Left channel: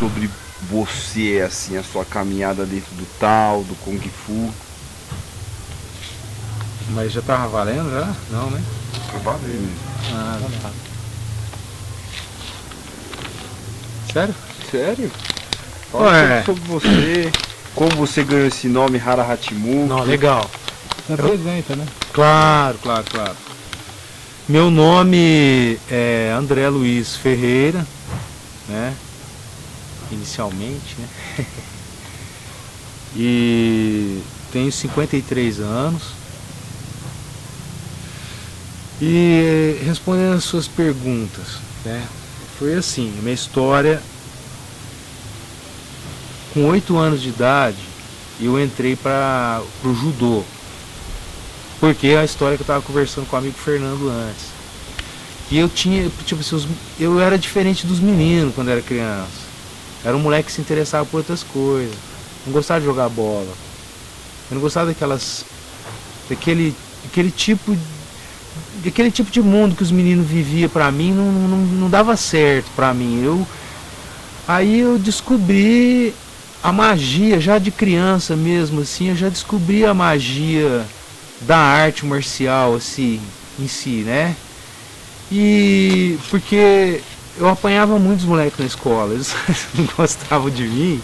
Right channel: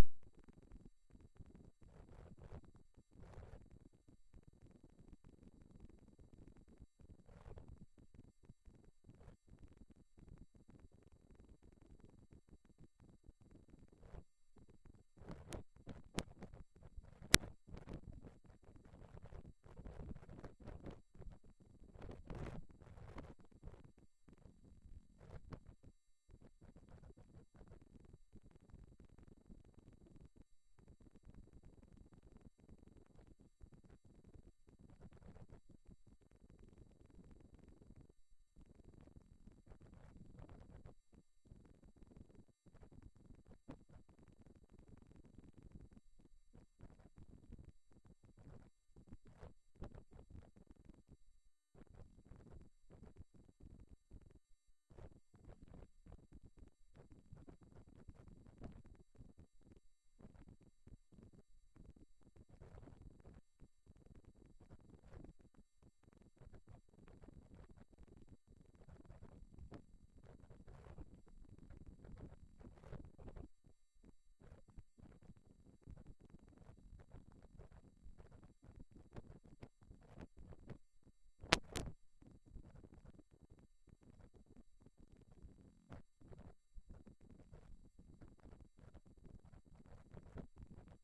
sobre você, assim, a sua caminhada dentro do tal, do Kung Fu? Mas já tava valendo já? Não, né? Valeu. Ah, tá. Sério? Sério? Fala Ué. sobre você, como você ganhou esse nome, Hara Hatimu. Não, legal. Apresenta, né? Claro. Meu nome é André Luiz Ferreira, né? Inicialmente, né? E tenho 53 anos. E respondendo as suas perguntas, né? Foi assim, minha história. Com 8 anos de idade, eu entrei para o judô. Porque é a história que eu estava conversando com o amigo Fernando antes. E eu tinha, tipo assim, eu era diferente dos meninos quando era criança. Era um moleque que se interessava por outras coisas. Não gostava de jogar bola. Eu não gostava daquele tipo de mundo que os meninos viviam. Pra mim não dava certo pra mim. Aí eu descobri a magia, já de criança mesmo, assim, eu já descobri a magia da arte marcial, assim, em si, né? E porque eu apanhava muitos moleques na escola, eles não gostavam de mim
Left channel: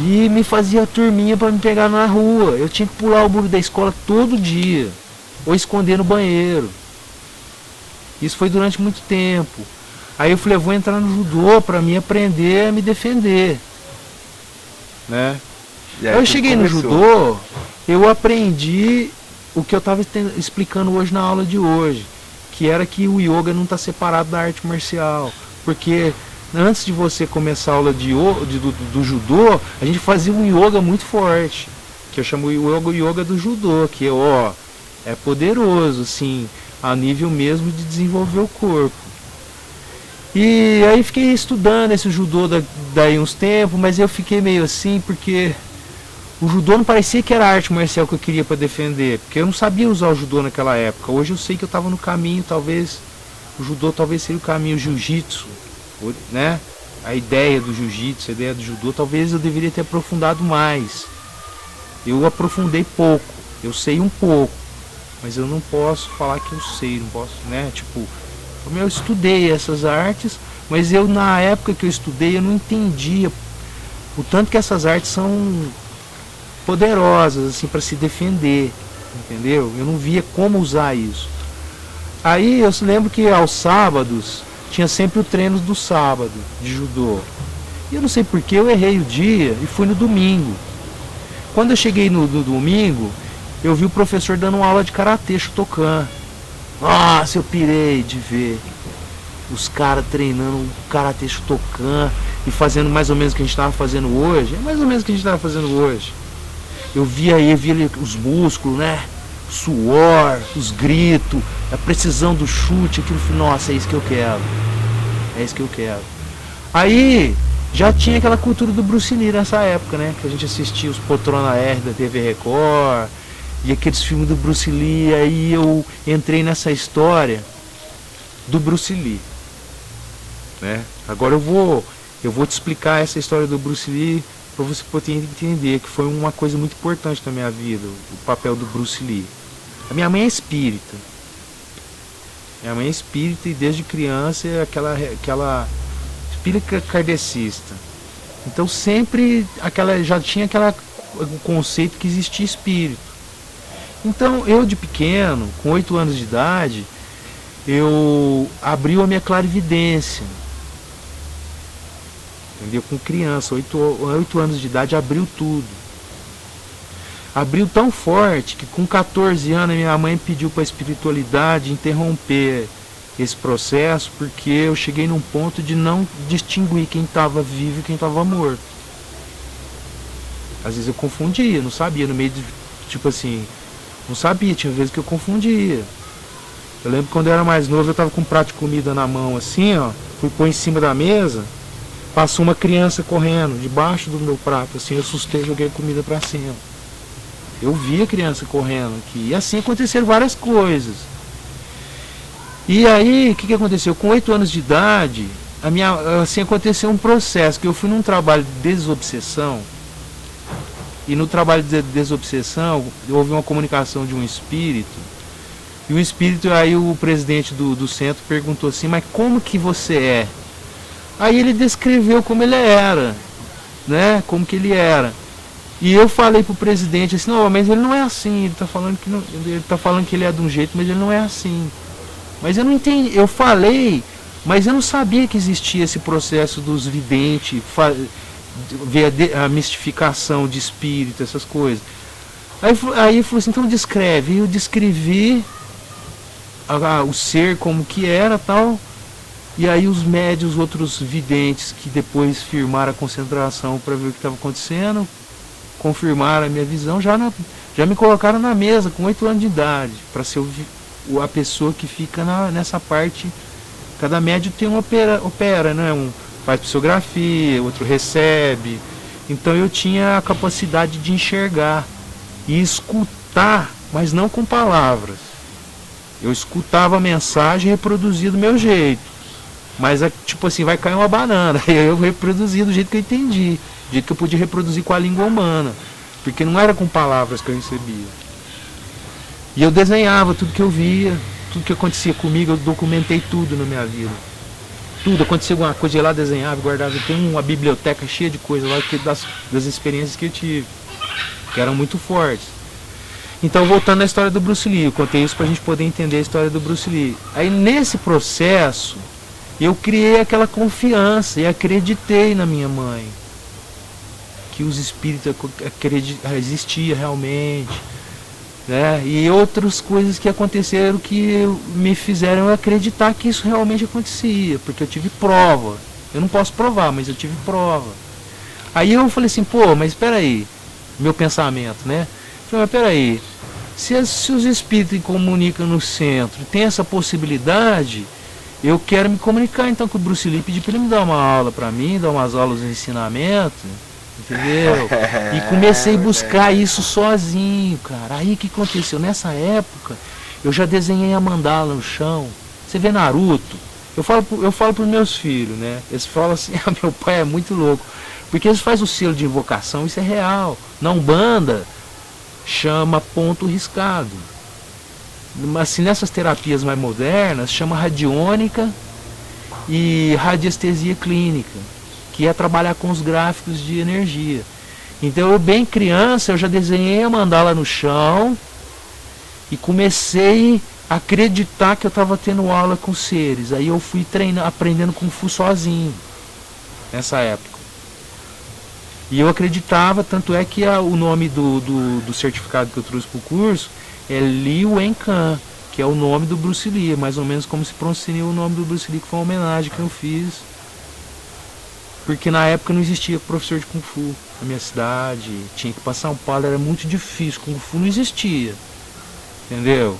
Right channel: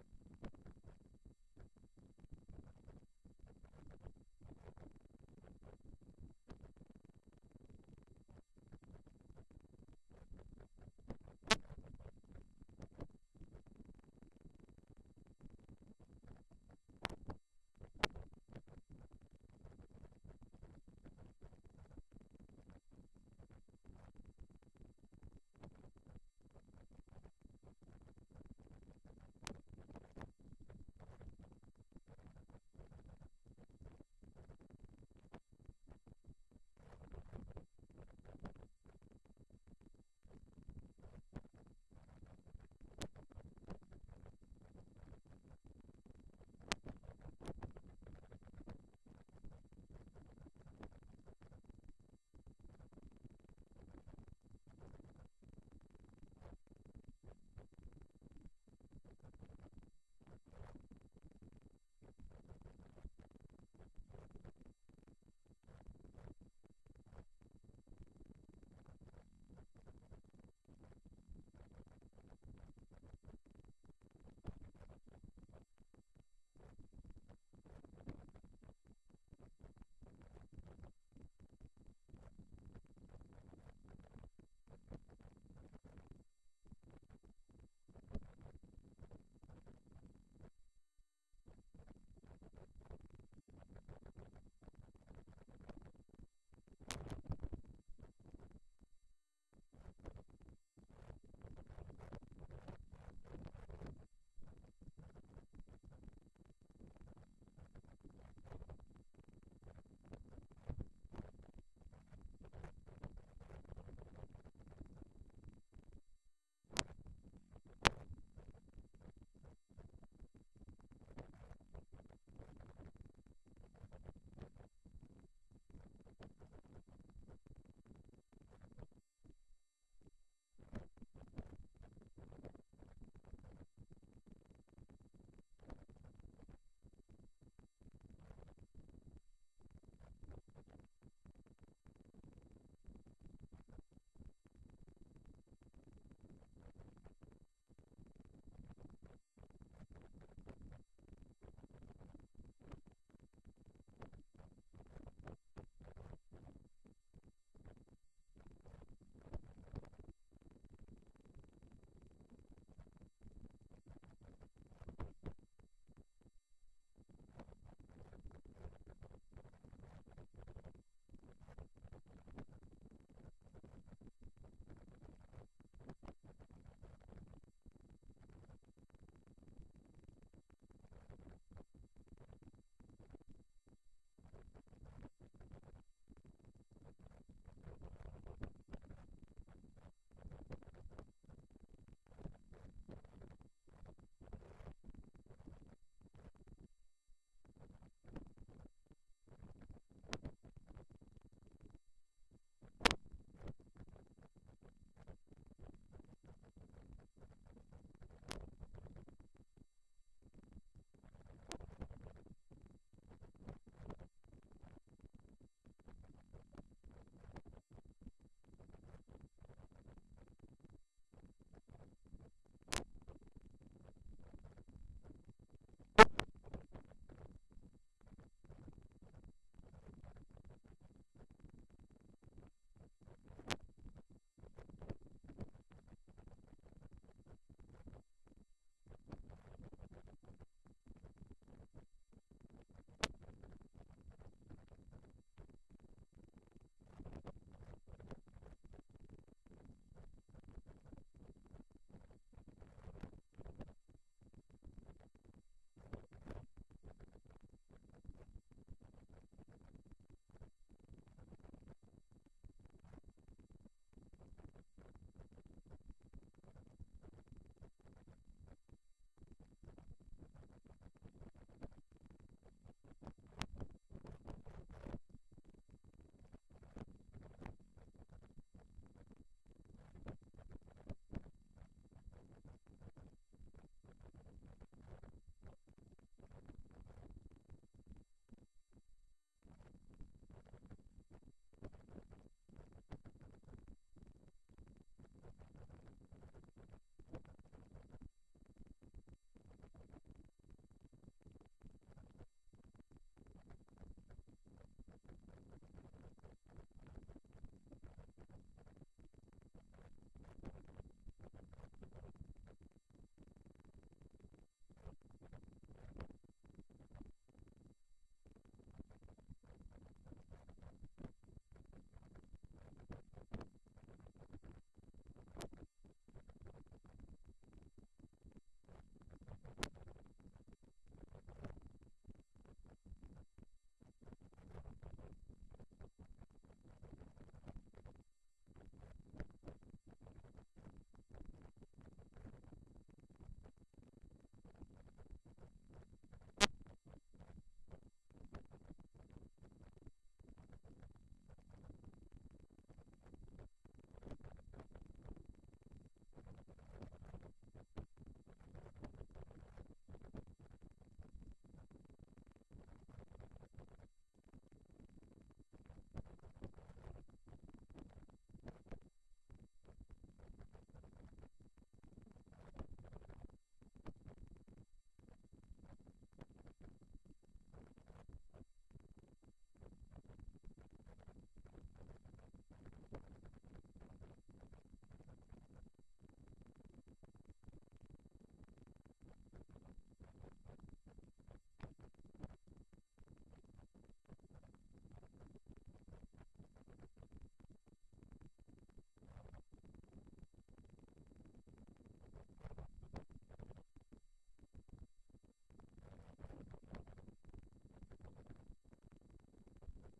e me fazia turminha para me pegar na rua. Eu tinha que pular o muro da escola todo dia, ou esconder no banheiro. Isso foi durante muito tempo. Aí eu falei, eu vou entrar no judô para me aprender a me defender, né? Aí eu cheguei no judô, eu aprendi o que eu estava explicando hoje na aula de hoje, que era que o yoga não está separado da arte marcial, porque antes de você começar a aula do judô, a gente fazia um yoga muito forte, que eu chamo o yoga do judô, que é poderoso, assim, a nível mesmo de desenvolver o corpo. E aí fiquei estudando esse judô daí uns tempos, mas eu fiquei meio assim porque o judô não parecia que era a arte marcial que eu queria para defender, porque eu não sabia usar o judô naquela época. Hoje eu sei que eu estava no caminho, talvez o judô talvez seria o caminho jiu-jitsu, né? A ideia do jiu-jitsu, a ideia do judô, talvez eu deveria ter aprofundado mais. Eu aprofundei pouco, eu sei um pouco, mas eu não posso falar que eu sei, não posso, né? Tipo, eu estudei essas artes, mas eu na época que eu estudei eu não entendia o tanto que essas artes são poderosas assim para se defender, entendeu? Eu não via como usar isso. Aí eu lembro que aos sábados tinha sempre o treino do sábado de judô. E eu não sei porque eu errei o dia e fui no domingo. Quando eu cheguei no domingo, eu vi o professor dando uma aula de karatê Shotokan. Nossa, eu pirei de ver os caras treinando o karatê Shotokan e fazendo mais ou menos o que a gente estava fazendo hoje. É mais ou menos o que a gente estava fazendo hoje. Eu via os músculos, né? O suor, os gritos, a precisão do chute, aquilo. Nossa, é isso que eu quero. É isso que eu quero. Aí já tinha aquela cultura do Bruce Lee nessa época, né? Que a gente assistia os Poltrona R da TV Record e aqueles filmes do Bruce Lee. Aí eu entrei nessa história do Bruce Lee, né? Agora eu vou te explicar essa história do Bruce Lee para você poder entender que foi uma coisa muito importante na minha vida, o papel do Bruce Lee. A minha mãe é espírita. Minha mãe é espírita e desde criança é aquela espírita kardecista. Então sempre já tinha o conceito que existia espírito. Então eu de pequeno, com 8 anos de idade, eu abri a minha clarividência. Entendeu? Com criança, 8 anos de idade, abriu tudo. Abriu tão forte que com 14 anos minha mãe pediu para a espiritualidade interromper esse processo, porque eu cheguei num ponto de não distinguir quem estava vivo e quem estava morto. Às vezes eu confundia, não sabia, no meio de, tipo assim, não sabia, tinha vezes que eu confundia. Eu lembro que quando eu era mais novo, eu estava com um prato de comida na mão assim, ó, fui pôr em cima da mesa, passou uma criança correndo debaixo do meu prato, assim, eu assustei e joguei a comida para cima. Eu vi a criança correndo aqui, e assim aconteceram várias coisas. E aí, o que aconteceu? Com 8 anos de idade, assim, aconteceu um processo, que eu fui num trabalho de desobsessão, e no trabalho de desobsessão, houve uma comunicação de um espírito, e o espírito, aí o presidente do centro perguntou assim, mas como que você é? Aí ele descreveu como ele era, né, como que ele era. E eu falei pro presidente assim, não, mas ele não é assim, ele tá falando que não, ele tá falando que ele é de um jeito, mas ele não é assim. Mas eu não entendi, eu falei, mas eu não sabia que existia esse processo dos videntes, ver a mistificação de espírito, essas coisas. Aí ele falou assim, então descreve. E eu descrevi o ser como que era, tal. E aí os médios, outros videntes que depois firmaram a concentração para ver o que estava acontecendo, confirmaram a minha visão, já me colocaram na mesa com 8 anos de idade, para ser a pessoa que fica nessa parte. Cada médio tem um opera, né? Um faz psicografia, outro recebe. Então eu tinha a capacidade de enxergar e escutar, mas não com palavras. Eu escutava a mensagem e reproduzia do meu jeito. Mas tipo assim, vai cair uma banana. Eu reproduzia do jeito que eu entendi, do jeito que eu podia reproduzir com a língua humana, porque não era com palavras que eu recebia. E eu desenhava tudo que eu via, tudo que acontecia comigo, eu documentei tudo na minha vida. Tudo, acontecia alguma coisa, eu ia lá, desenhava, guardava. Eu tenho uma biblioteca cheia de coisas lá das experiências que eu tive, que eram muito fortes. Então, voltando à história do Bruce Lee, eu contei isso pra gente poder entender a história do Bruce Lee. Aí, nesse processo, eu criei aquela confiança e acreditei na minha mãe, que os espíritos existiam realmente, né? E outras coisas que aconteceram que me fizeram acreditar que isso realmente acontecia, porque eu tive prova. Eu não posso provar, mas eu tive prova. Aí eu falei assim, pô, mas espera aí, meu pensamento, né? Eu falei, mas espera aí, se os espíritos comunicam no centro, tem essa possibilidade, eu quero me comunicar então com o Bruce Lee, pedir para ele me dar uma aula para mim, dar umas aulas de ensinamento, entendeu? E comecei a buscar isso sozinho, cara. Aí o que aconteceu? Nessa época, eu já desenhei a mandala no chão. Você vê Naruto? Eu falo pros meus filhos, né? Eles falam assim, ah, meu pai é muito louco. Porque eles fazem o selo de invocação, isso é real. Na Umbanda, chama ponto riscado. Mas assim, nessas terapias mais modernas, chama radiônica e radiestesia clínica, que é trabalhar com os gráficos de energia. Então eu bem criança, eu já desenhei a mandala no chão e comecei a acreditar que eu estava tendo aula com seres. Aí eu fui aprendendo Kung Fu sozinho, nessa época. E eu acreditava, tanto é que o nome do certificado que eu trouxe para o curso é Li Wenkan, que é o nome do Bruce Lee, mais ou menos como se pronuncia o nome do Bruce Lee, que foi uma homenagem que eu fiz. Porque na época não existia professor de Kung Fu na minha cidade, tinha que passar um Paulo, era muito difícil, Kung Fu não existia, entendeu?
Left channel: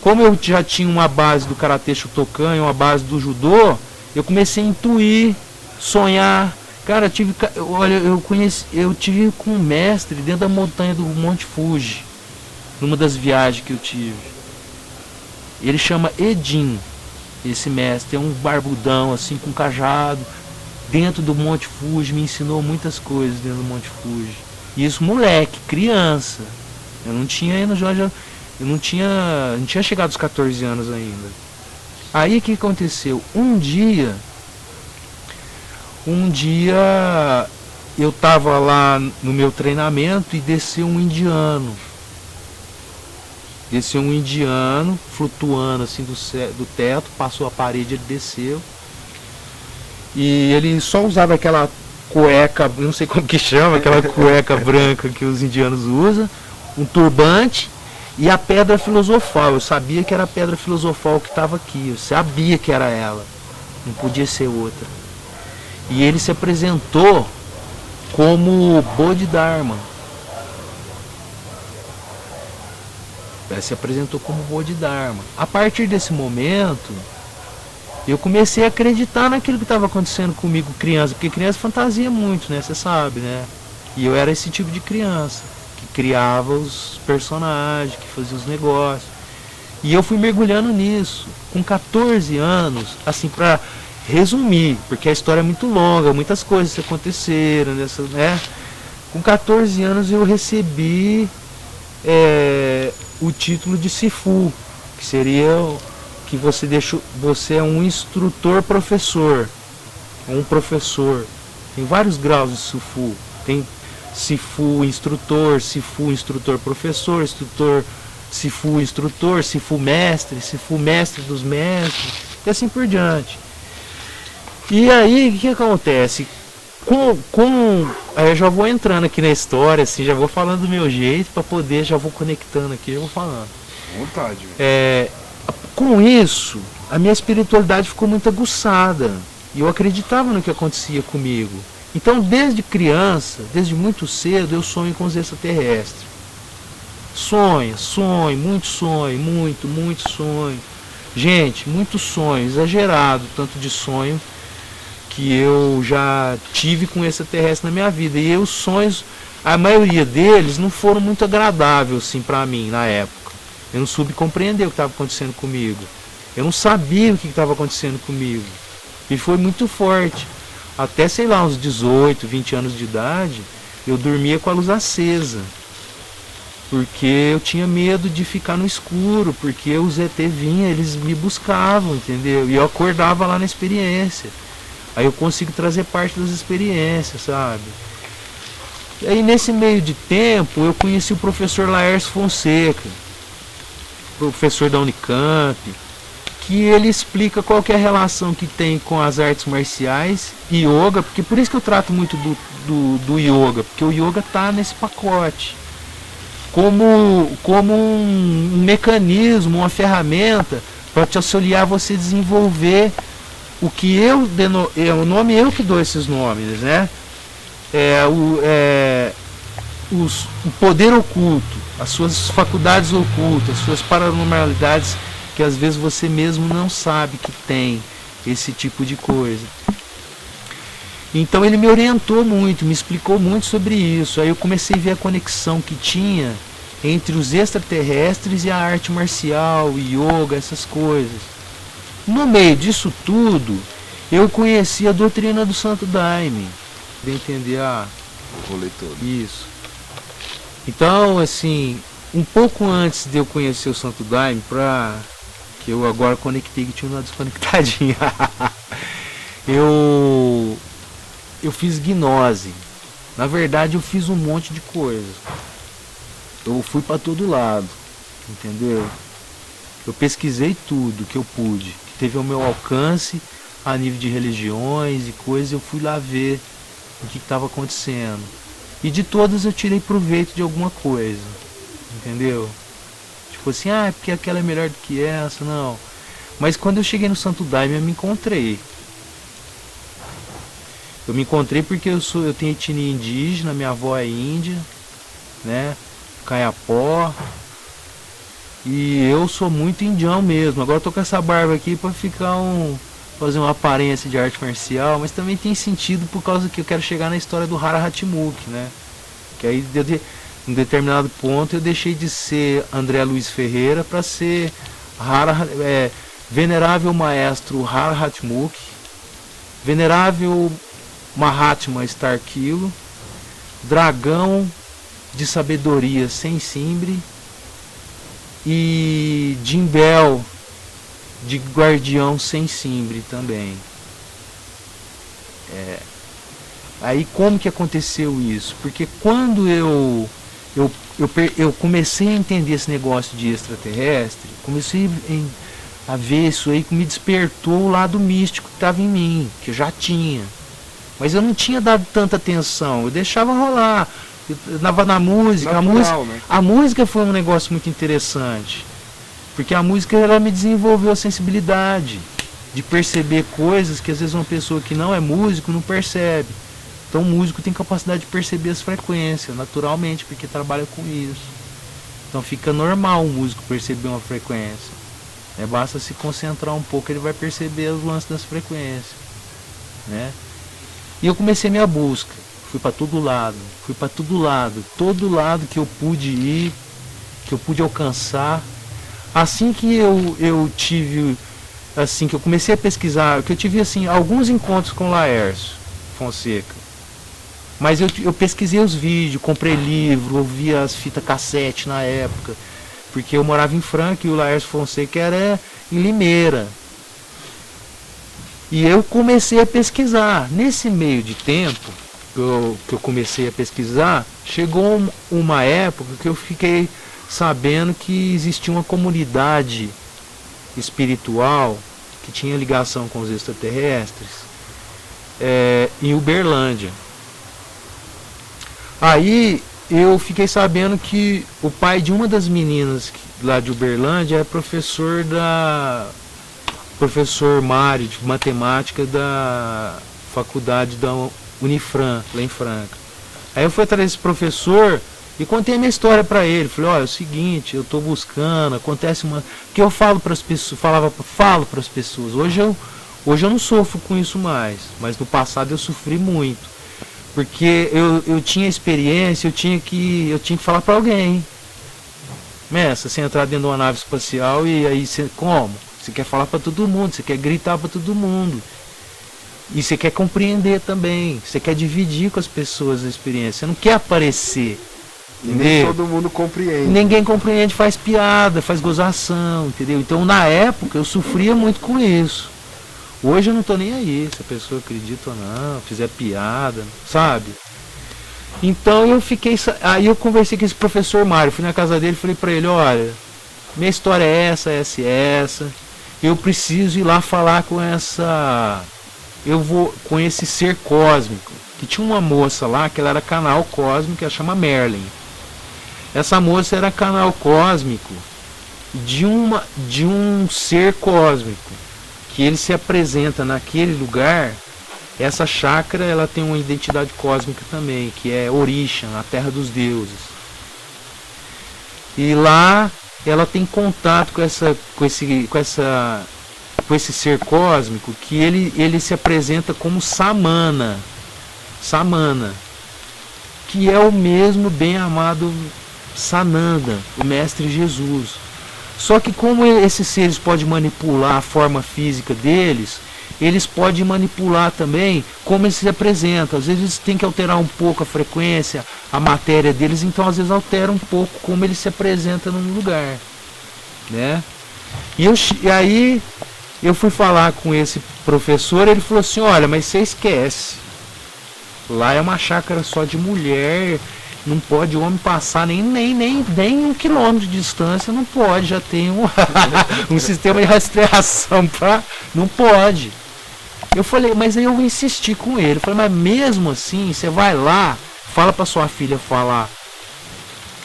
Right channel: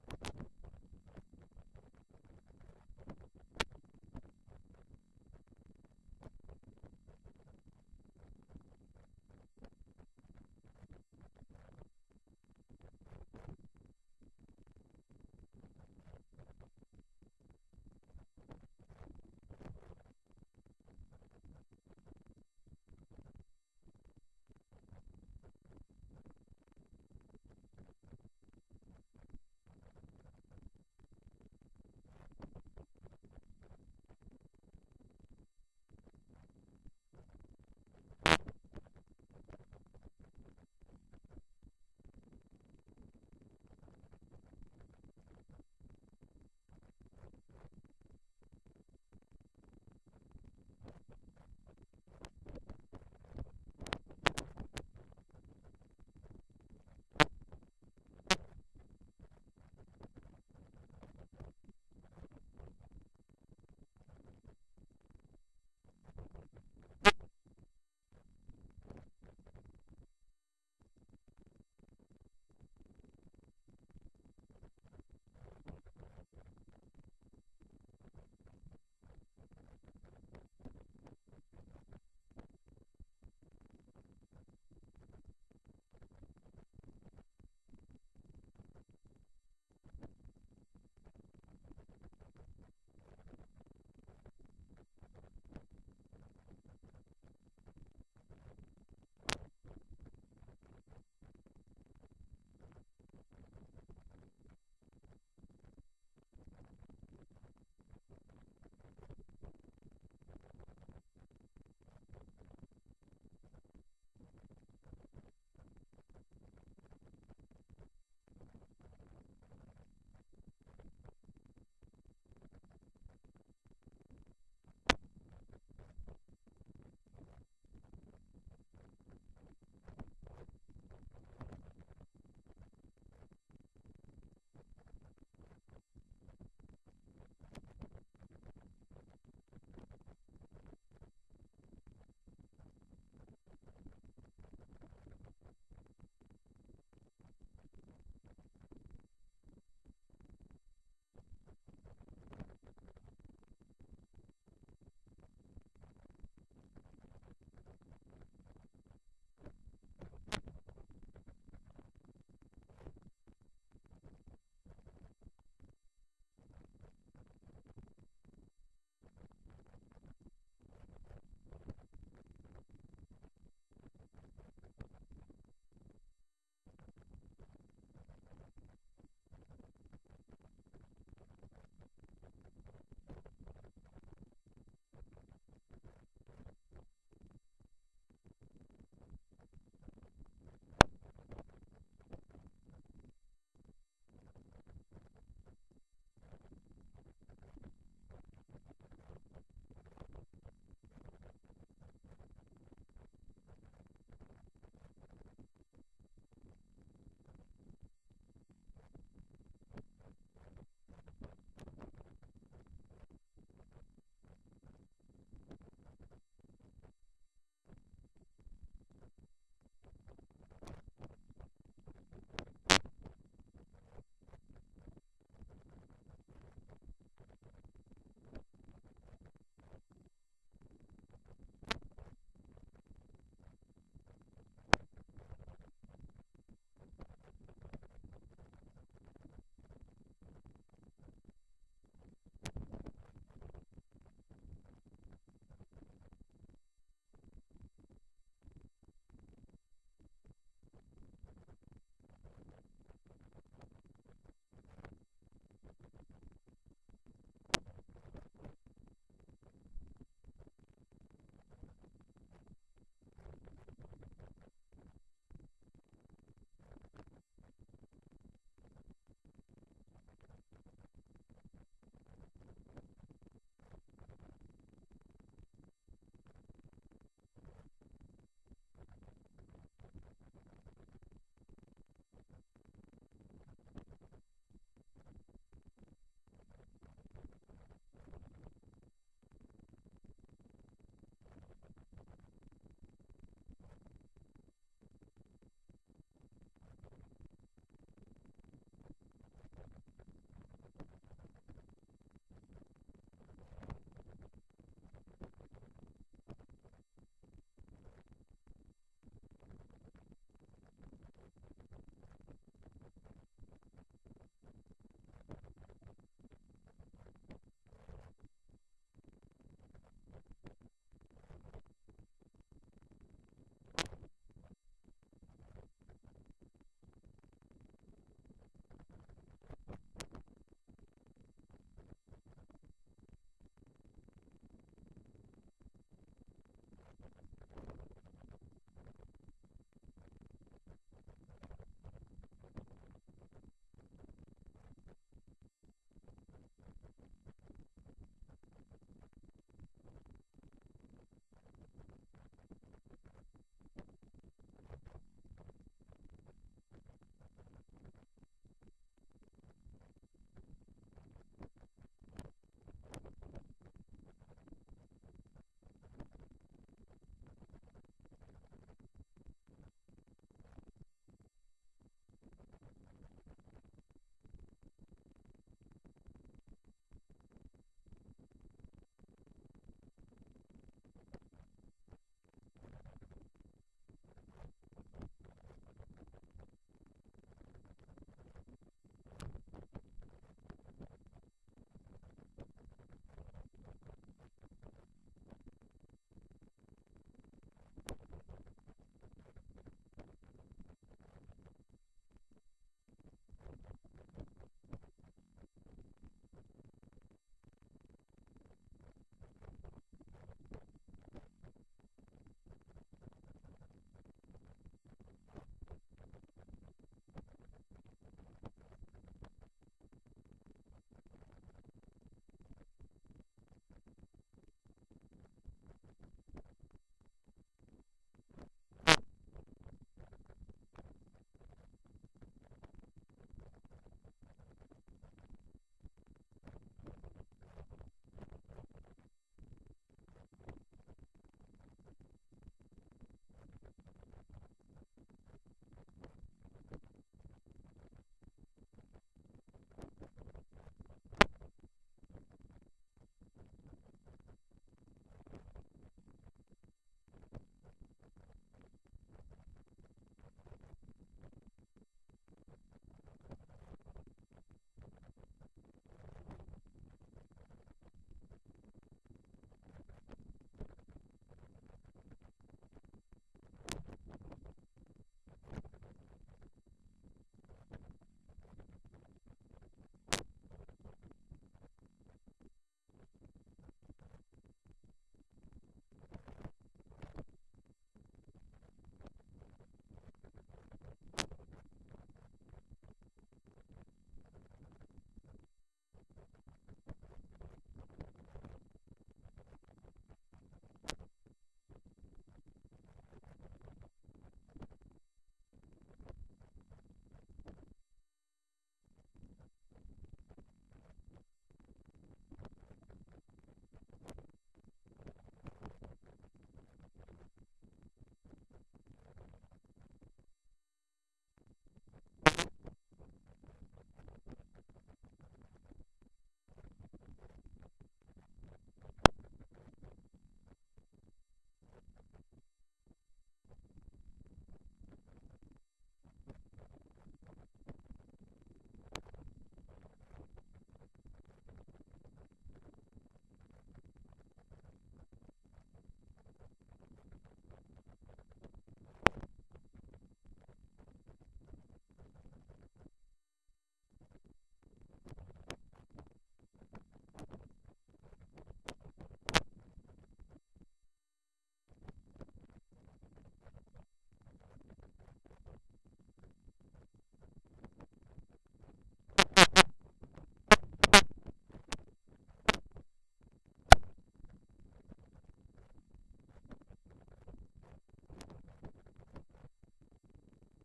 Como eu já tinha uma base do Karatê Shotokan e uma base do Judô, eu comecei a intuir, sonhar. Cara, eu tive com um mestre dentro da montanha do Monte Fuji, numa das viagens que eu tive. Ele chama Edin, esse mestre, é um barbudão assim com cajado, dentro do Monte Fuji, me ensinou muitas coisas dentro do Monte Fuji. E isso moleque, criança. Eu não tinha não tinha chegado aos 14 anos ainda. Aí o que aconteceu? Um dia eu estava lá no meu treinamento e desceu um indiano. Desceu um indiano flutuando assim do teto, passou a parede, ele desceu. E ele só usava aquela cueca, não sei como que chama, aquela cueca branca que os indianos usam, um turbante e a pedra filosofal. Eu sabia que era a pedra filosofal que estava aqui, eu sabia que era ela, não podia ser outra. E ele se apresentou como Bodhidharma. Ele se apresentou como Bodhidharma. A partir desse momento, eu comecei a acreditar naquilo que estava acontecendo comigo, criança, porque criança fantasia muito, né? Você sabe, né? E eu era esse tipo de criança, que criava os personagens, que fazia os negócios. E eu fui mergulhando nisso. Com 14 anos, assim, resumir, porque a história é muito longa, muitas coisas aconteceram, né? Com 14 anos eu recebi o título de Sifu, que seria que você é um instrutor professor, um professor. Tem vários graus de Sifu. Tem Sifu instrutor professor, Sifu mestre dos mestres, e assim por diante. E aí, o que acontece? Aí eu já vou entrando aqui na história, assim, já vou falando do meu jeito, para poder, já vou conectando aqui, já vou falando. Vontade. Com isso, a minha espiritualidade ficou muito aguçada, e eu acreditava no que acontecia comigo. Então, desde criança, desde muito cedo, eu sonho com os extraterrestres. Sonho, muito sonho. Gente, muito sonho, exagerado, tanto de sonho que eu já tive com extraterrestre na minha vida. E os sonhos, a maioria deles não foram muito agradáveis assim para mim na época. Eu não soube compreender o que estava acontecendo comigo. Eu não sabia o que estava acontecendo comigo. E foi muito forte. Até, sei lá, uns 18, 20 anos de idade, eu dormia com a luz acesa. Porque eu tinha medo de ficar no escuro, porque os ET vinham, eles me buscavam, entendeu? E eu acordava lá na experiência. Aí eu consigo trazer parte das experiências, sabe? E aí nesse meio de tempo eu conheci o professor Laércio Fonseca, professor da Unicamp, que ele explica qual que é a relação que tem com as artes marciais e yoga, porque por isso que eu trato muito do yoga, porque o yoga está nesse pacote. Como um mecanismo, uma ferramenta para te auxiliar a você desenvolver o que o nome eu que dou esses nomes, né? O poder oculto, as suas faculdades ocultas, as suas paranormalidades que às vezes você mesmo não sabe que tem esse tipo de coisa. Então ele me orientou muito, me explicou muito sobre isso. Aí eu comecei a ver a conexão que tinha entre os extraterrestres e a arte marcial, o yoga, essas coisas. No meio disso tudo, eu conheci a doutrina do Santo Daime, para entender O rolê todo. isso. Então, assim, um pouco antes de eu conhecer o Santo Daime, que eu agora conectei, que tinha uma desconectadinha, eu fiz gnose. Na verdade, eu fiz um monte de coisa. Eu fui para todo lado, entendeu? Eu pesquisei tudo que eu pude, que teve ao meu alcance, a nível de religiões e coisas, eu fui lá ver o que estava acontecendo. E de todas eu tirei proveito de alguma coisa, entendeu? Tipo assim, porque aquela é melhor do que essa, não. Mas quando eu cheguei no Santo Daime, eu me encontrei. Eu me encontrei porque eu tenho etnia indígena, minha avó é índia, né? Caiapó. E eu sou muito indião mesmo. Agora eu tô com essa barba aqui pra fazer uma aparência de arte marcial, mas também tem sentido por causa que eu quero chegar na história do Hara Hatmuk, né? Que aí em um determinado ponto eu deixei de ser André Luiz Ferreira para ser Venerável Maestro Hara Hatmuk, Venerável Mahatma Starkilo, Dragão de Sabedoria Sem Simbre e Jimbel de Guardião Sem Simbre também. Aí como que aconteceu isso? Porque quando eu comecei a entender esse negócio de extraterrestre, comecei a ver isso aí que me despertou o lado místico que estava em mim, que eu já tinha. Mas eu não tinha dado tanta atenção, eu deixava rolar. Eu dava na música, Natural, né? A música foi um negócio muito interessante. Porque a música ela me desenvolveu a sensibilidade de perceber coisas que às vezes uma pessoa que não é músico não percebe. Então o músico tem capacidade de perceber as frequências, naturalmente, porque trabalha com isso. Então fica normal o músico perceber uma frequência. Basta se concentrar um pouco, ele vai perceber os lances das frequências, né? E eu comecei minha busca. Fui para todo lado, todo lado que eu pude ir, que eu pude alcançar. Assim que eu tive assim, que eu comecei a pesquisar, que eu tive, assim, alguns encontros com o Laércio Fonseca. Mas eu pesquisei os vídeos, comprei livro, ouvi as fitas cassete na época. Porque eu morava em Franca e o Laércio Fonseca era em Limeira. E eu comecei a pesquisar. Nesse meio de tempo que eu comecei a pesquisar, chegou uma época que eu fiquei sabendo que existia uma comunidade espiritual que tinha ligação com os extraterrestres em Uberlândia. Aí eu fiquei sabendo que o pai de uma das meninas lá de Uberlândia é professor Mário de matemática da faculdade da Unifran, lá em Franca. Aí eu fui atrás desse professor e contei a minha história para ele. Falei, olha, é o seguinte, eu estou buscando, acontece uma... que eu falo para as pessoas, falo para as pessoas. Hoje eu não sofro com isso mais, mas no passado eu sofri muito. Porque eu tinha experiência, eu tinha que falar para alguém. Mestre, você entrar dentro de uma nave espacial e aí você, como? Você quer falar para todo mundo, você quer gritar para todo mundo. E você quer compreender também, você quer dividir com as pessoas a experiência, você não quer aparecer. Nem todo mundo compreende. Ninguém compreende, faz piada, faz gozação, entendeu? Então na época eu sofria muito com isso. Hoje eu não tô nem aí, se a pessoa acredita ou não, fizer piada, sabe? Então aí eu conversei com esse professor Mário, fui na casa dele e falei pra ele, olha, minha história é essa, eu preciso ir lá falar com com esse ser cósmico, que tinha uma moça lá, que ela era canal cósmico, ela chama Merlin. Essa moça era canal cósmico de um ser cósmico, que ele se apresenta naquele lugar. Essa chácara, ela tem uma identidade cósmica também, que é Orisha, a terra dos deuses. E lá ela tem contato com esse ser cósmico, que ele se apresenta como Samana, que é o mesmo bem amado Sananda, o mestre Jesus. Só que como esses seres podem manipular a forma física deles, eles podem manipular também como eles se apresentam. Às vezes eles têm que alterar um pouco a frequência, a matéria deles, então às vezes altera um pouco como ele se apresenta num lugar, né? E aí eu fui falar com esse professor, ele falou assim, olha, mas você esquece, lá é uma chácara só de mulher, não pode o homem passar nem 1 quilômetro de distância, não pode, já tem um sistema de rastreação não pode. Eu falei, mas aí eu insisti com ele, eu falei, mas mesmo assim, você vai lá, fala para sua filha falar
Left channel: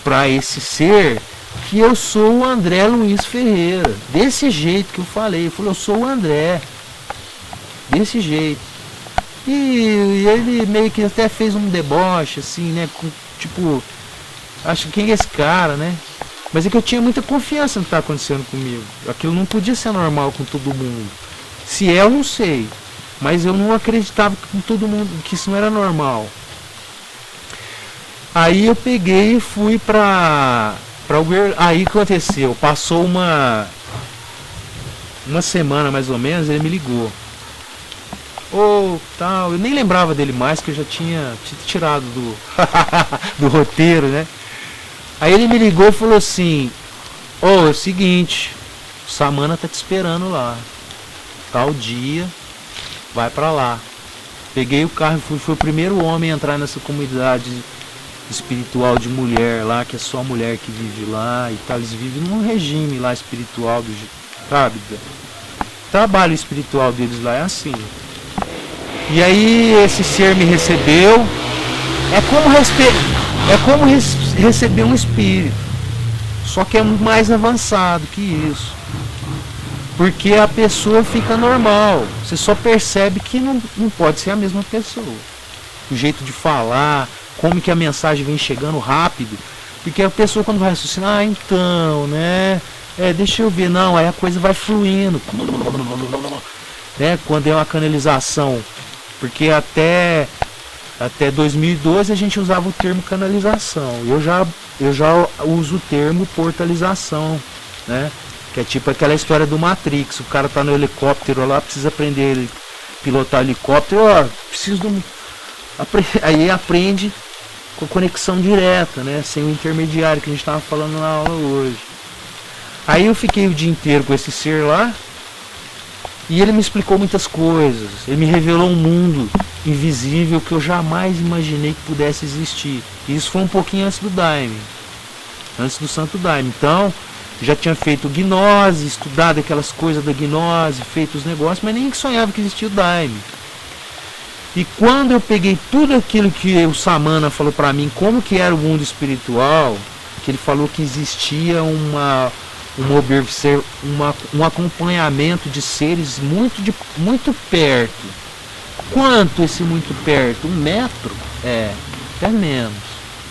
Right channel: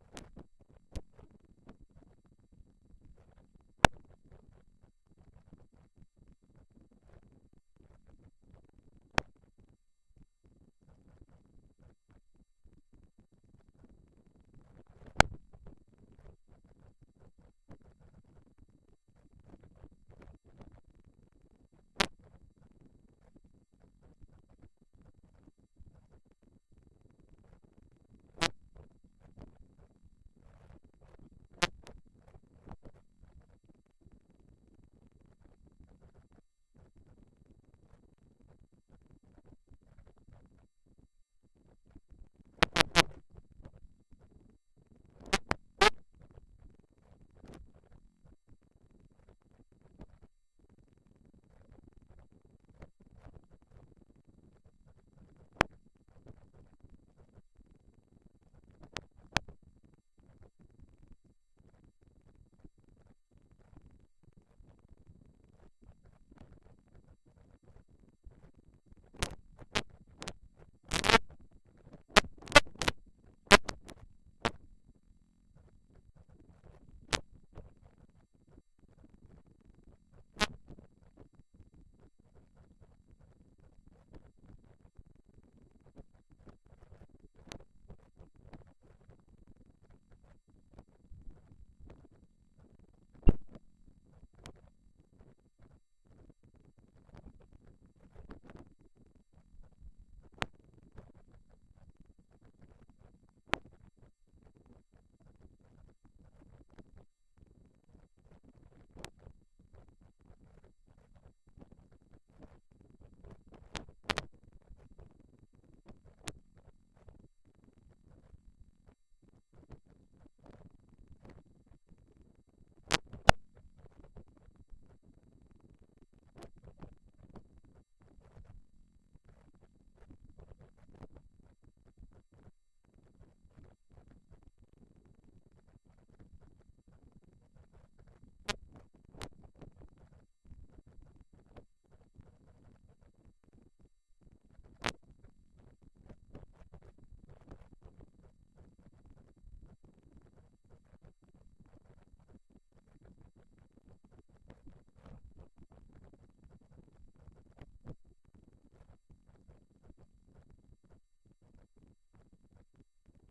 para esse ser que eu sou o André Luiz Ferreira, desse jeito que eu falei, eu falei, eu sou o André, desse jeito. E ele meio que até fez um deboche, assim, né, tipo, acho que quem é esse cara, né? Mas é que eu tinha muita confiança no que estava acontecendo comigo. Aquilo não podia ser normal com todo mundo. Se é, eu não sei. Mas eu não acreditava com todo mundo que isso não era normal. Aí eu peguei e fui pra aí o que aconteceu? Passou uma semana mais ou menos, ele me ligou. Tal, eu nem lembrava dele mais, que eu já tinha tirado do roteiro, né? Aí ele me ligou e falou assim, é o seguinte, o Samana tá te esperando lá, tal dia, vai pra lá. Peguei o carro e fui o primeiro homem a entrar nessa comunidade espiritual de mulher lá, que é só mulher que vive lá e tal. Eles vivem num regime lá espiritual, sabe? O trabalho espiritual deles lá é assim. E aí esse ser me recebeu, é como receber um espírito, só que é mais avançado que isso, porque a pessoa fica normal, você só percebe que não pode ser a mesma pessoa, o jeito de falar, como que a mensagem vem chegando rápido, porque a pessoa quando vai raciocinar, então, né, deixa eu ver, não, aí a coisa vai fluindo, né, quando é uma canalização. Porque até 2012 a gente usava o termo canalização. Eu já uso o termo portalização, né? Que é tipo aquela história do Matrix. O cara tá no helicóptero lá, precisa aprender a pilotar helicóptero. Ó, preciso de um... Aí aprende com conexão direta, né? Sem o intermediário que a gente tava falando na aula hoje. Aí eu fiquei o dia inteiro com esse ser lá. E ele me explicou muitas coisas. Ele me revelou um mundo invisível que eu jamais imaginei que pudesse existir. E isso foi um pouquinho antes do Daime. Antes do Santo Daime. Então, já tinha feito gnose, estudado aquelas coisas da gnose, feito os negócios, mas nem sonhava que existia o Daime. E quando eu peguei tudo aquilo que o Samana falou pra mim, como que era o mundo espiritual, que ele falou que existia um acompanhamento de seres muito perto. Quanto esse muito perto? 1 metro? Até menos.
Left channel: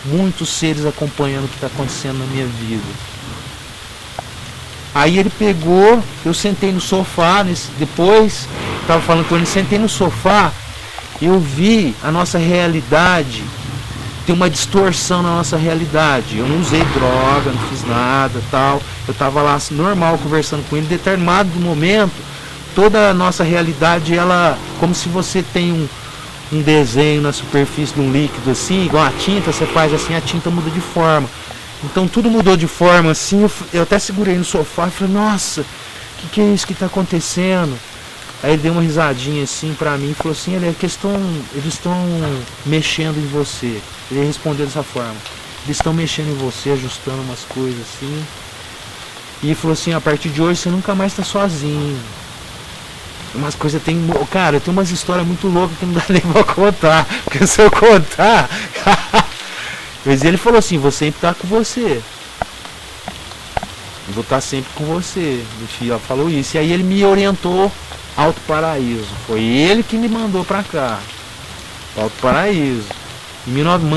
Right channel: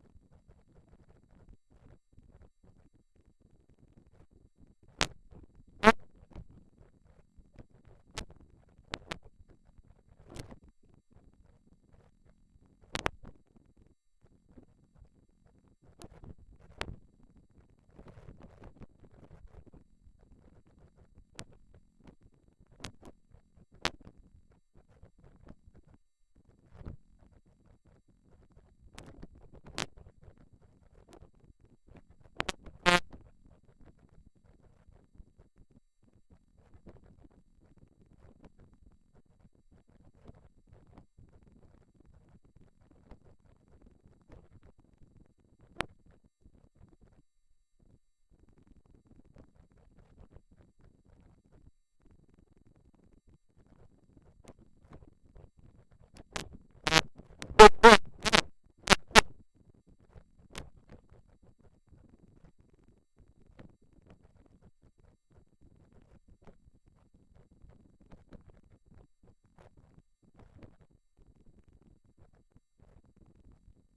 Muitos seres acompanhando o que está acontecendo na minha vida. Aí ele pegou, eu sentei no sofá, depois, estava falando com ele, sentei no sofá, eu vi a nossa realidade, tem uma distorção na nossa realidade. Eu não usei droga, não fiz nada, tal. Eu estava lá assim, normal, conversando com ele. Em determinado momento, toda a nossa realidade, ela, como se você tem um desenho na superfície de um líquido assim, igual a tinta, você faz assim, a tinta muda de forma. Então tudo mudou de forma assim, eu até segurei no sofá e falei, nossa, o que é isso que está acontecendo? Aí ele deu uma risadinha assim pra mim e falou assim, eles estão mexendo em você. Ele respondeu dessa forma, eles estão mexendo em você, ajustando umas coisas assim. E falou assim, a partir de hoje você nunca mais está sozinho. Umas coisas tem. Cara, tem umas histórias muito loucas que não dá nem pra contar. Porque se eu contar. Mas ele falou assim, vou sempre estar com você. Eu vou estar sempre com você. Enfim, ó, falou isso. E aí ele me orientou Alto Paraíso. Foi ele que me mandou pra cá. Alto Paraíso.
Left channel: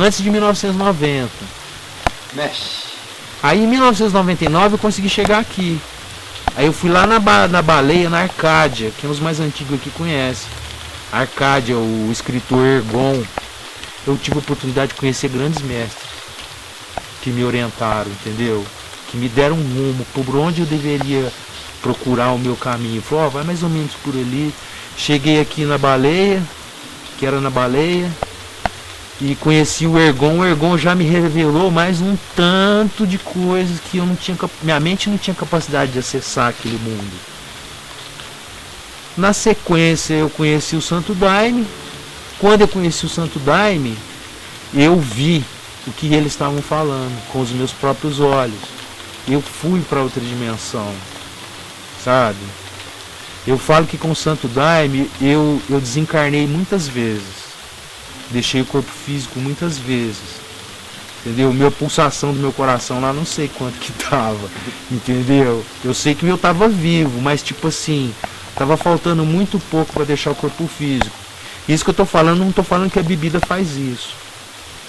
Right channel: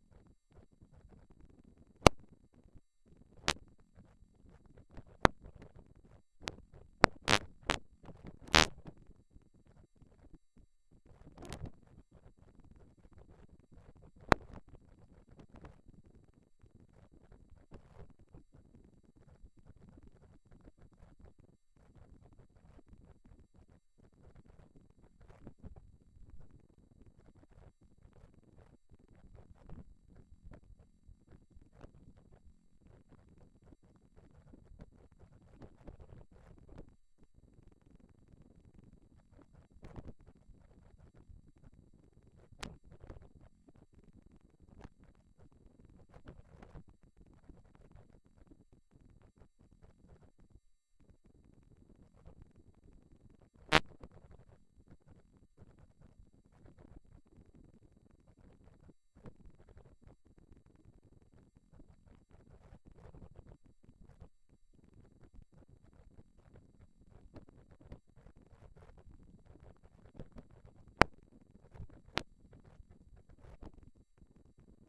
Antes de 1990. Mexe. Aí em 1999 eu consegui chegar aqui. Aí eu fui lá na Baleia, na Arcádia, que é os mais antigos aqui conhecem. Arcádia, o escritor Ergon. Eu tive a oportunidade de conhecer grandes mestres que me orientaram, entendeu? Que me deram um rumo por onde eu deveria procurar o meu caminho. Falou, vai mais ou menos por ali. Cheguei aqui na Baleia, que era na Baleia, e conheci o Ergon. O Ergon já me revelou mais um tanto de coisas que eu não tinha, minha mente não tinha capacidade de acessar aquele mundo. Na sequência eu conheci o Santo Daime. Quando eu conheci o Santo Daime, eu vi o que eles estavam falando com os meus próprios olhos. Eu fui para outra dimensão, sabe? Eu falo que com o Santo Daime eu desencarnei muitas vezes. Deixei o corpo físico muitas vezes. Entendeu? Minha pulsação do meu coração lá não sei quanto que tava. Entendeu? Eu sei que eu tava vivo, mas tipo assim, tava faltando muito pouco para deixar o corpo físico. Isso que eu tô falando, não tô falando que a bebida faz isso.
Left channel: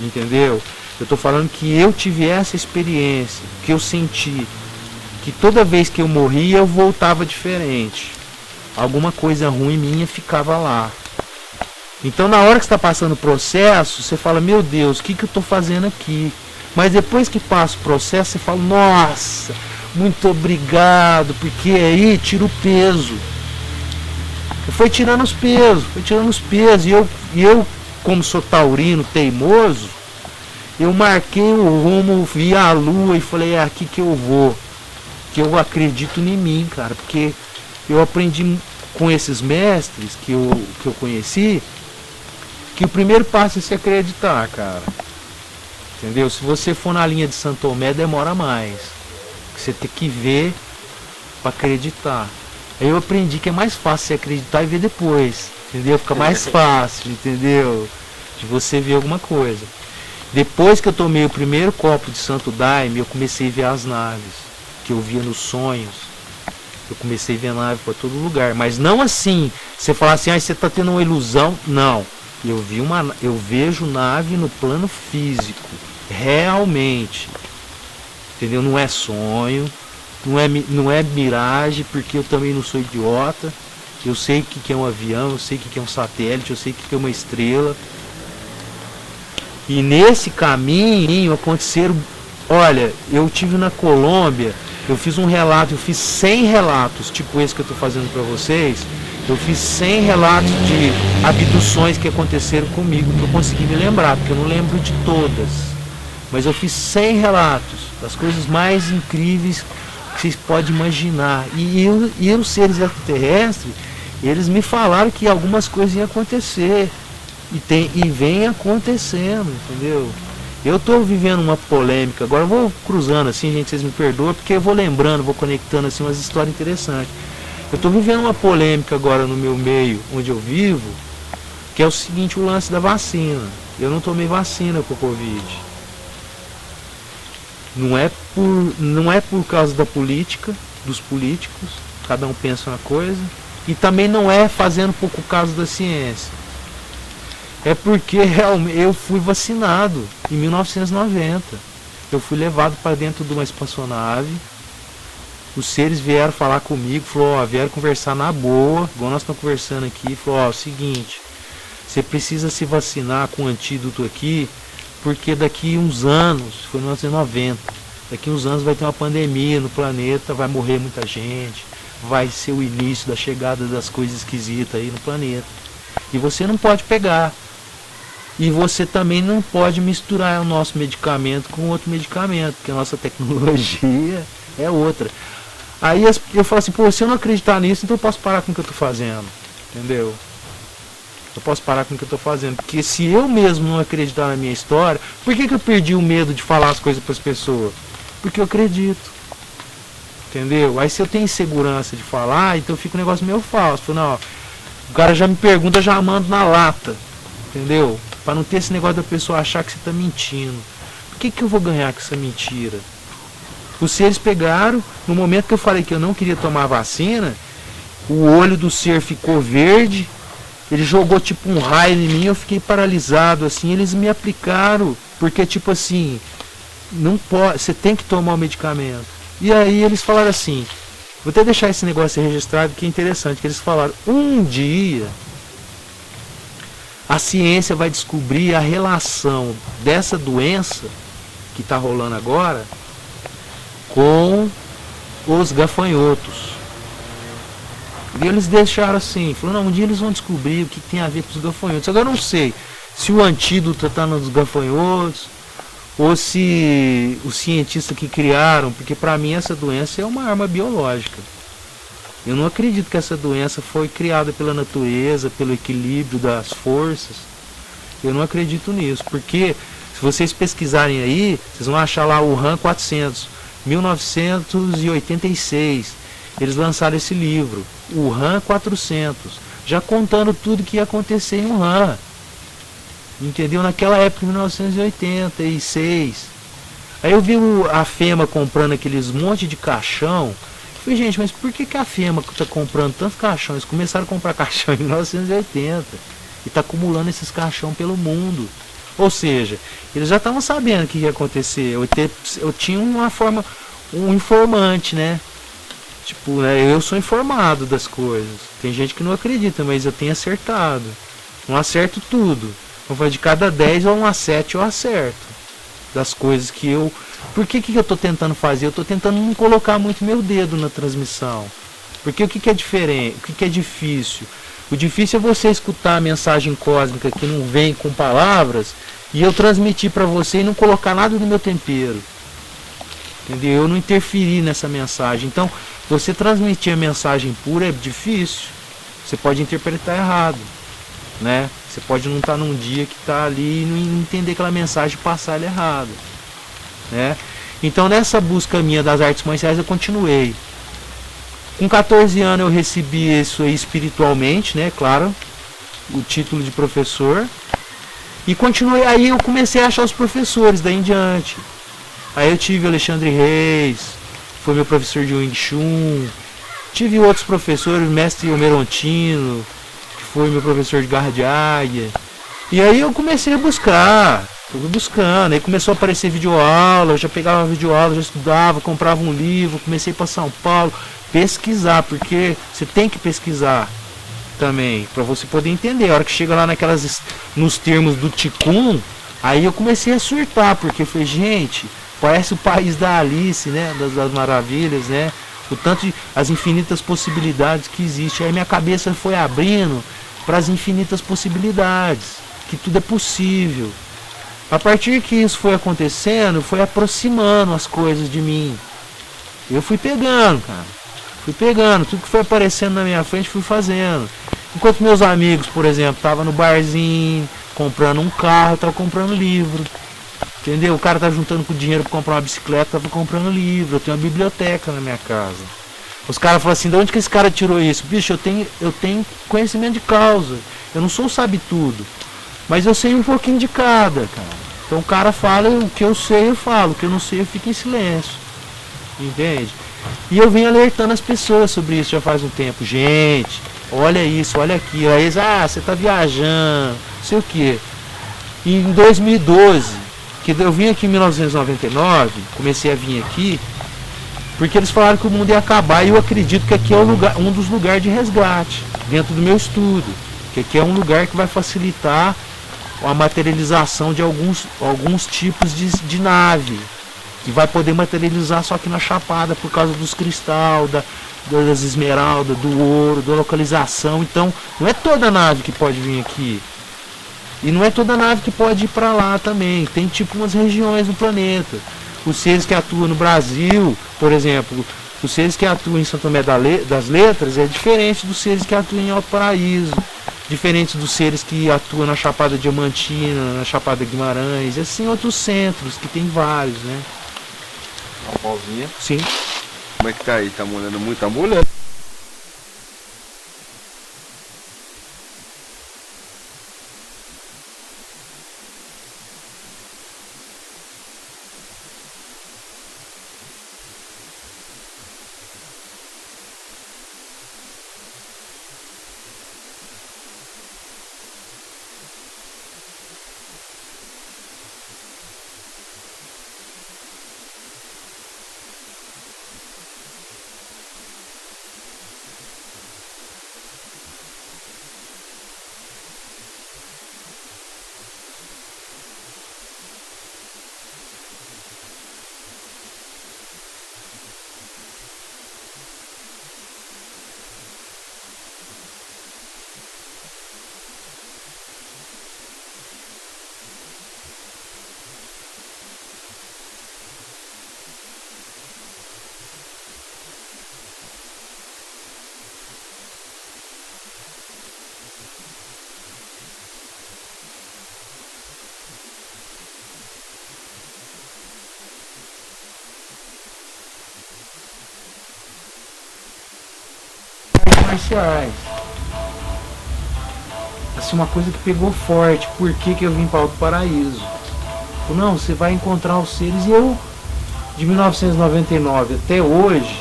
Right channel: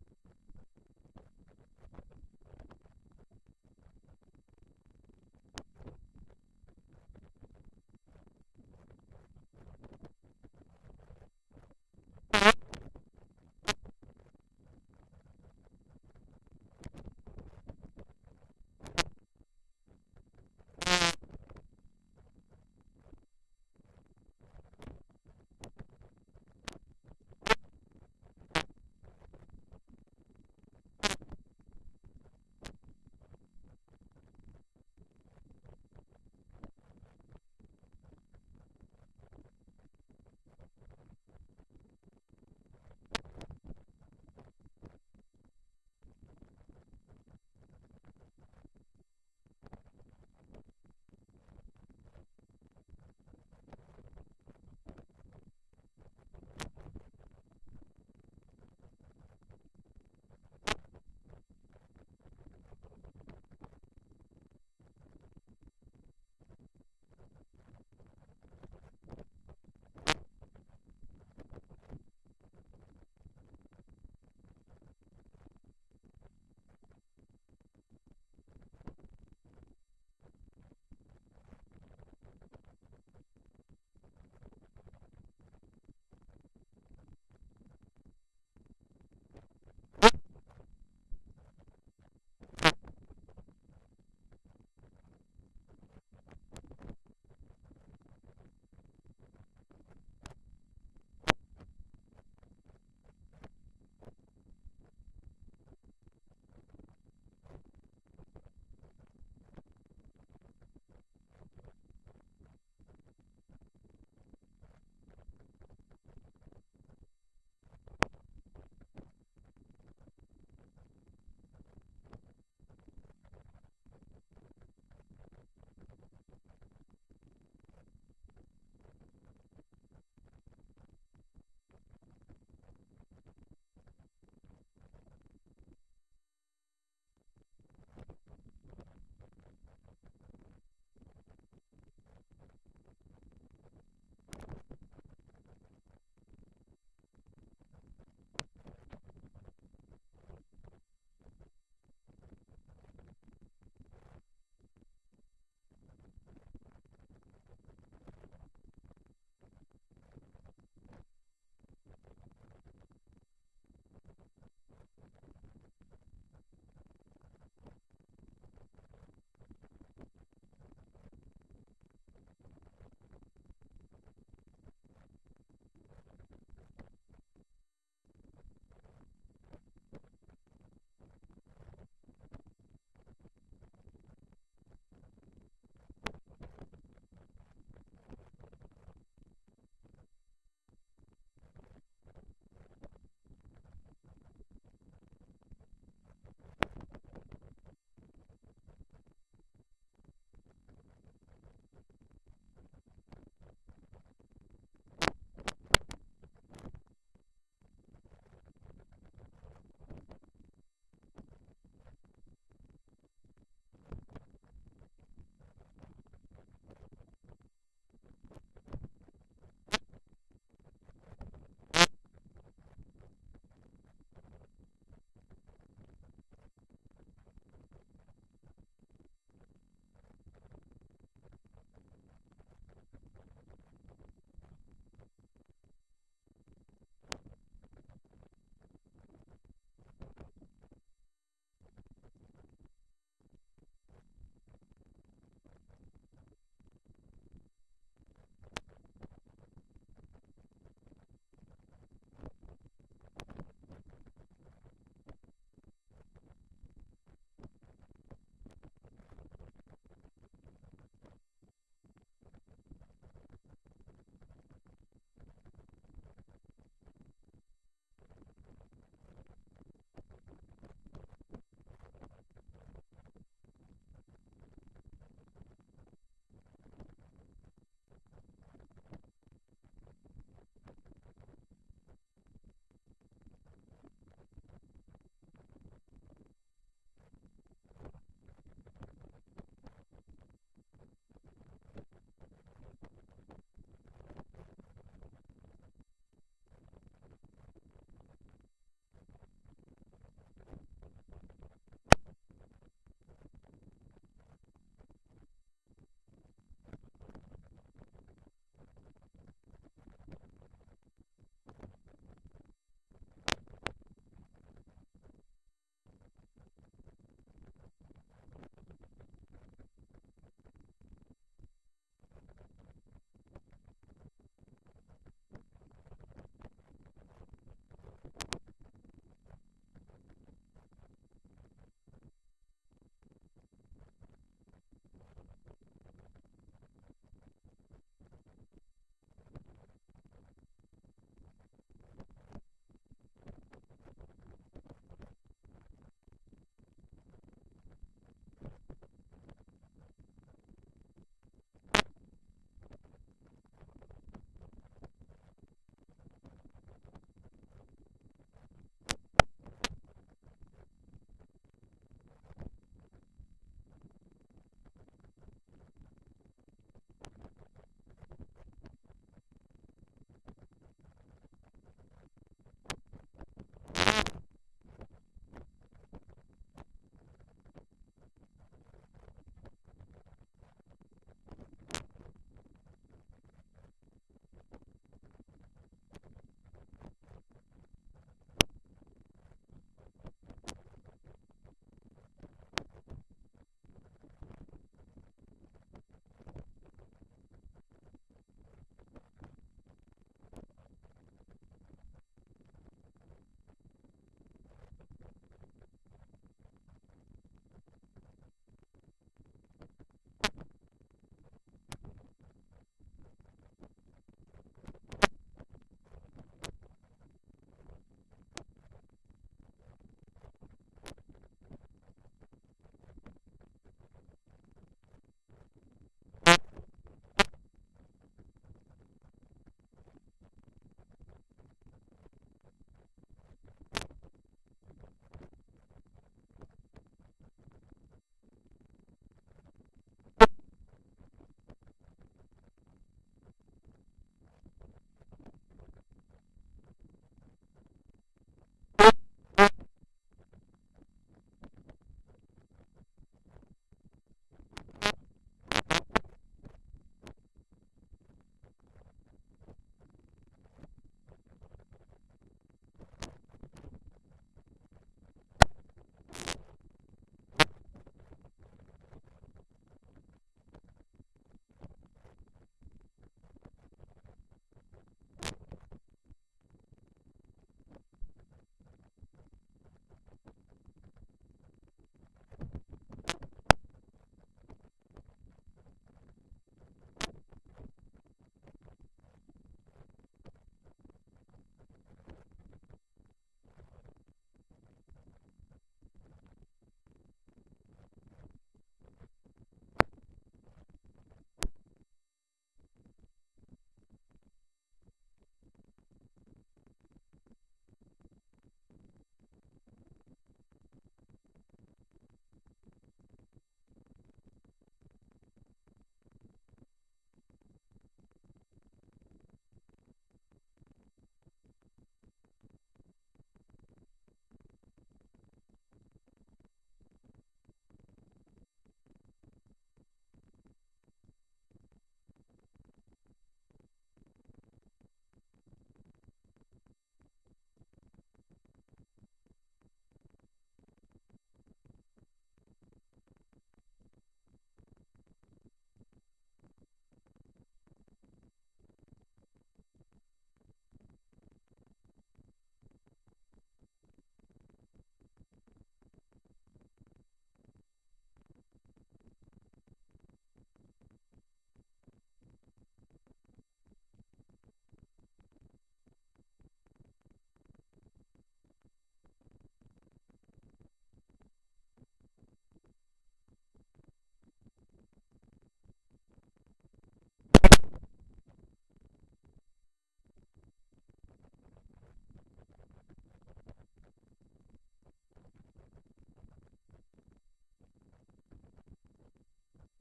Entendeu? Eu tô falando que eu tive essa experiência, que eu senti que toda vez que eu morria eu voltava diferente. Alguma coisa ruim minha ficava lá. Então na hora que está passando o processo, você fala, meu Deus, o que eu estou fazendo aqui? Mas depois que passa o processo, você fala, nossa, muito obrigado, porque aí tira o peso. Foi tirando os pesos, e eu como sou taurino, teimoso, eu marquei o rumo, vi a lua e falei, é aqui que eu vou. Que eu acredito em mim, cara, porque eu aprendi com esses mestres que eu conheci, que o primeiro passo é se acreditar, cara. Entendeu? Se você for na linha de Santo Tomé, demora mais. Você tem que ver para acreditar. Aí eu aprendi que é mais fácil você acreditar e ver depois. Entendeu? Fica mais fácil, entendeu? De você ver alguma coisa. Depois que eu tomei o primeiro copo de Santo Daime, eu comecei a ver as naves. Que eu via nos sonhos. Eu comecei a ver nave para todo lugar. Mas não assim, você falar assim, você está tendo uma ilusão. Não. Eu vejo nave no plano físico. Realmente. Entendeu? Não é sonho. Não é miragem, porque eu também não sou idiota. Eu sei o que é um avião, eu sei o que é um satélite, eu sei o que é uma estrela. E nesse caminho aconteceram... Olha, eu tive na Colômbia Eu fiz um relato, eu fiz 100 relatos, tipo esse que eu estou fazendo para vocês. Eu fiz 100 relatos de abduções que aconteceram comigo, que eu consegui me lembrar, porque eu não lembro de todas. Mas eu fiz 100 relatos das coisas mais incríveis que vocês podem imaginar. E os seres extraterrestres, eles me falaram que algumas coisas iam acontecer. E vem acontecendo, entendeu? Eu estou vivendo uma polêmica, agora eu vou cruzando assim, gente, vocês me perdoam, porque eu vou lembrando, vou conectando assim umas histórias interessantes. Eu estou vivendo uma polêmica agora no meu meio, onde eu vivo, que é o seguinte, o lance da vacina. Eu não tomei vacina com o Covid. Não é por causa da política, dos políticos, cada um pensa uma coisa, e também não é fazendo pouco caso da ciência. É porque realmente eu fui vacinado em 1990. Eu fui levado para dentro de uma espaçonave. Os seres vieram falar comigo, vieram conversar na boa, igual nós estamos conversando aqui. Falou, é o seguinte, você precisa se vacinar com o antídoto aqui, porque daqui uns anos, foi em 1990, daqui uns anos vai ter uma pandemia no planeta, vai morrer muita gente, vai ser o início da chegada das coisas esquisitas aí no planeta. E você não pode pegar. E você também não pode misturar o nosso medicamento com outro medicamento, porque a nossa tecnologia é outra. Aí eu falo assim, se eu não acreditar nisso, então eu posso parar com o que eu estou fazendo. Entendeu? Eu posso parar com o que eu estou fazendo. Porque se eu mesmo não acreditar na minha história, por que eu perdi o medo de falar as coisas para as pessoas? Porque eu acredito. Entendeu? Aí se eu tenho insegurança de falar, então fica um negócio meio falso. Falo, não, o cara já me pergunta, já mando na lata. Entendeu? Para não ter esse negócio da pessoa achar que você está mentindo. Por que eu vou ganhar com essa mentira? Os seres pegaram, no momento que eu falei que eu não queria tomar vacina, o olho do ser ficou verde, ele jogou tipo um raio em mim, eu fiquei paralisado, assim, eles me aplicaram, porque tipo assim, não pode, você tem que tomar o medicamento. E aí eles falaram assim, vou até deixar esse negócio registrado, que é interessante, que eles falaram, um dia a ciência vai descobrir a relação dessa doença que está rolando agora com os gafanhotos. E eles deixaram assim, falaram, não, um dia eles vão descobrir o que tem a ver com os gafanhotos. Agora eu não sei se o antídoto está nos gafanhotos ou se os cientistas que criaram, porque para mim essa doença é uma arma biológica. Eu não acredito que essa doença foi criada pela natureza, pelo equilíbrio das forças. Eu não acredito nisso, porque se vocês pesquisarem aí, vocês vão achar lá o RAM 400, 1986. Eles lançaram esse livro, o RAM 400, já contando tudo que ia acontecer em Wuhan. Entendeu? Naquela época, em 1986. Aí eu vi a FEMA comprando aqueles monte de caixão. Falei, gente, mas por que a FEMA está comprando tantos caixões? Eles começaram a comprar caixão em 1980 e está acumulando esses caixão pelo mundo. Ou seja, eles já estavam sabendo o que ia acontecer. Eu tinha uma forma, um informante, né? Tipo, eu sou informado das coisas. Tem gente que não acredita, mas eu tenho acertado. Não acerto tudo. Então, de cada 10 ou uma 7 eu acerto. Das coisas que eu... Por que eu estou tentando fazer? Eu estou tentando não colocar muito meu dedo na transmissão. Porque o que é diferente? O que é difícil? O difícil é você escutar a mensagem cósmica que não vem com palavras e eu transmitir para você e não colocar nada no meu tempero. Entendeu? Eu não interferir nessa mensagem. Então, você transmitir a mensagem pura é difícil. Você pode interpretar errado, né? Você pode não estar num dia que está ali e não entender aquela mensagem e passar ela errado, né? Então, nessa busca minha das artes marciais, eu continuei. Com 14 anos eu recebi isso aí espiritualmente, né? Claro, o título de professor. E continuei, aí eu comecei a achar os professores daí em diante. Aí eu tive o Alexandre Reis, foi meu professor de Wing Chun. Tive outros professores, o mestre Omerontino, que foi meu professor de Garra de Águia. E aí eu comecei a buscar, fui buscando. Aí começou a aparecer videoaula, eu já pegava videoaula, já estudava, comprava um livro, comecei para São Paulo, pesquisar, porque você tem que pesquisar também, para você poder entender. A hora que chega lá nos termos do Ticum, aí eu comecei a surtar, porque eu falei, gente, Parece o país da Alice, né? Das maravilhas, né? O tanto de, as infinitas possibilidades que existem. Aí minha cabeça foi abrindo para as infinitas possibilidades, que tudo é possível. A partir que isso foi acontecendo, foi aproximando as coisas de mim. Eu fui pegando, cara. Fui pegando, tudo que foi aparecendo na minha frente, fui fazendo. Enquanto meus amigos, por exemplo, estavam no barzinho, comprando um carro, eu tava comprando livro. Entendeu? O cara tá juntando com dinheiro para comprar uma bicicleta, tava comprando livro. Eu tenho uma biblioteca na minha casa. Os caras falam assim, de onde que esse cara tirou isso? Bicho, eu tenho conhecimento de causa. Eu não sou sabe-tudo. Mas eu sei um pouquinho de cada, cara. Então o cara fala, o que eu sei eu falo, o que eu não sei eu fico em silêncio. Entende? E eu venho alertando as pessoas sobre isso já faz um tempo. Gente, olha isso, olha aqui. Aí eles, você tá viajando, não sei o quê. E em 2012, que eu vim aqui em 1999, comecei a vir aqui, porque eles falaram que o mundo ia acabar e eu acredito que aqui é um dos lugares de resgate, dentro do meu estudo. Que aqui é um lugar que vai facilitar a materialização de alguns tipos de nave, que vai poder materializar só aqui na Chapada por causa dos cristais, das esmeraldas, do ouro, da localização. Então não é toda nave que pode vir aqui, e não é toda nave que pode ir para lá também. Tem tipo umas regiões no planeta. Os seres que atuam no Brasil, por exemplo, os seres que atuam em Santo Tomé das Letras é diferente dos seres que atuam em Alto Paraíso, diferente dos seres que atuam na Chapada Diamantina, na Chapada Guimarães, e assim outros centros, que tem vários, né? Uma pausinha. Sim. Como é que tá aí? Tá molhando muito? Tá molhando. Marciais. Assim, uma coisa que pegou forte. Por que eu vim para Alto Paraíso? Não, você vai encontrar os seres. E eu, de 1999 até hoje,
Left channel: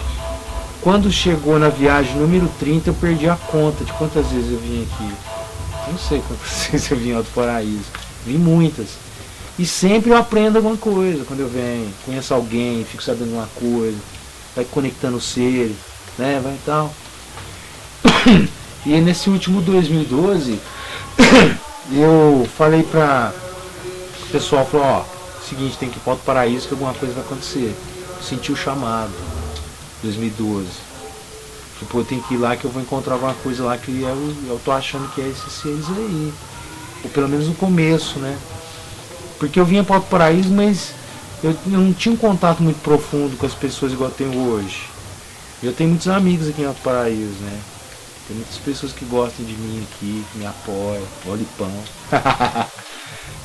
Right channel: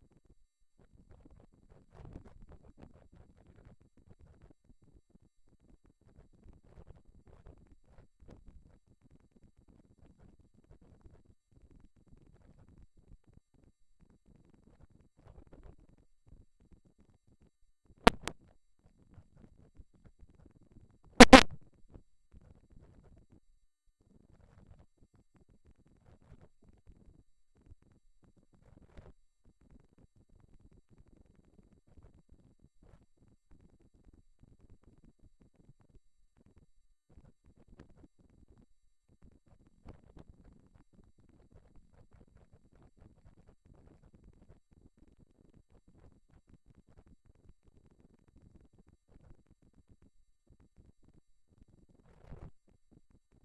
quando chegou na viagem número 30, eu perdi a conta de quantas vezes eu vim aqui. Não sei quantas vezes eu vim em Alto Paraíso. Vim muitas. E sempre eu aprendo alguma coisa quando eu venho. Conheço alguém, fico sabendo uma coisa. Vai conectando os seres, né? Vai e tal. E nesse último 2012, eu falei pra o pessoal, falou, seguinte, tem que ir para Alto Paraíso que alguma coisa vai acontecer. Senti o chamado, 2012. Tipo, eu tenho que ir lá que eu vou encontrar alguma coisa lá que eu tô achando que é esses seres aí. Ou pelo menos no começo, né? Porque eu vinha para Alto Paraíso, mas eu não tinha um contato muito profundo com as pessoas igual eu tenho hoje. Eu tenho muitos amigos aqui em Alto Paraíso, né? Tem muitas pessoas que gostam de mim aqui, que me apoiam, óleo e pão.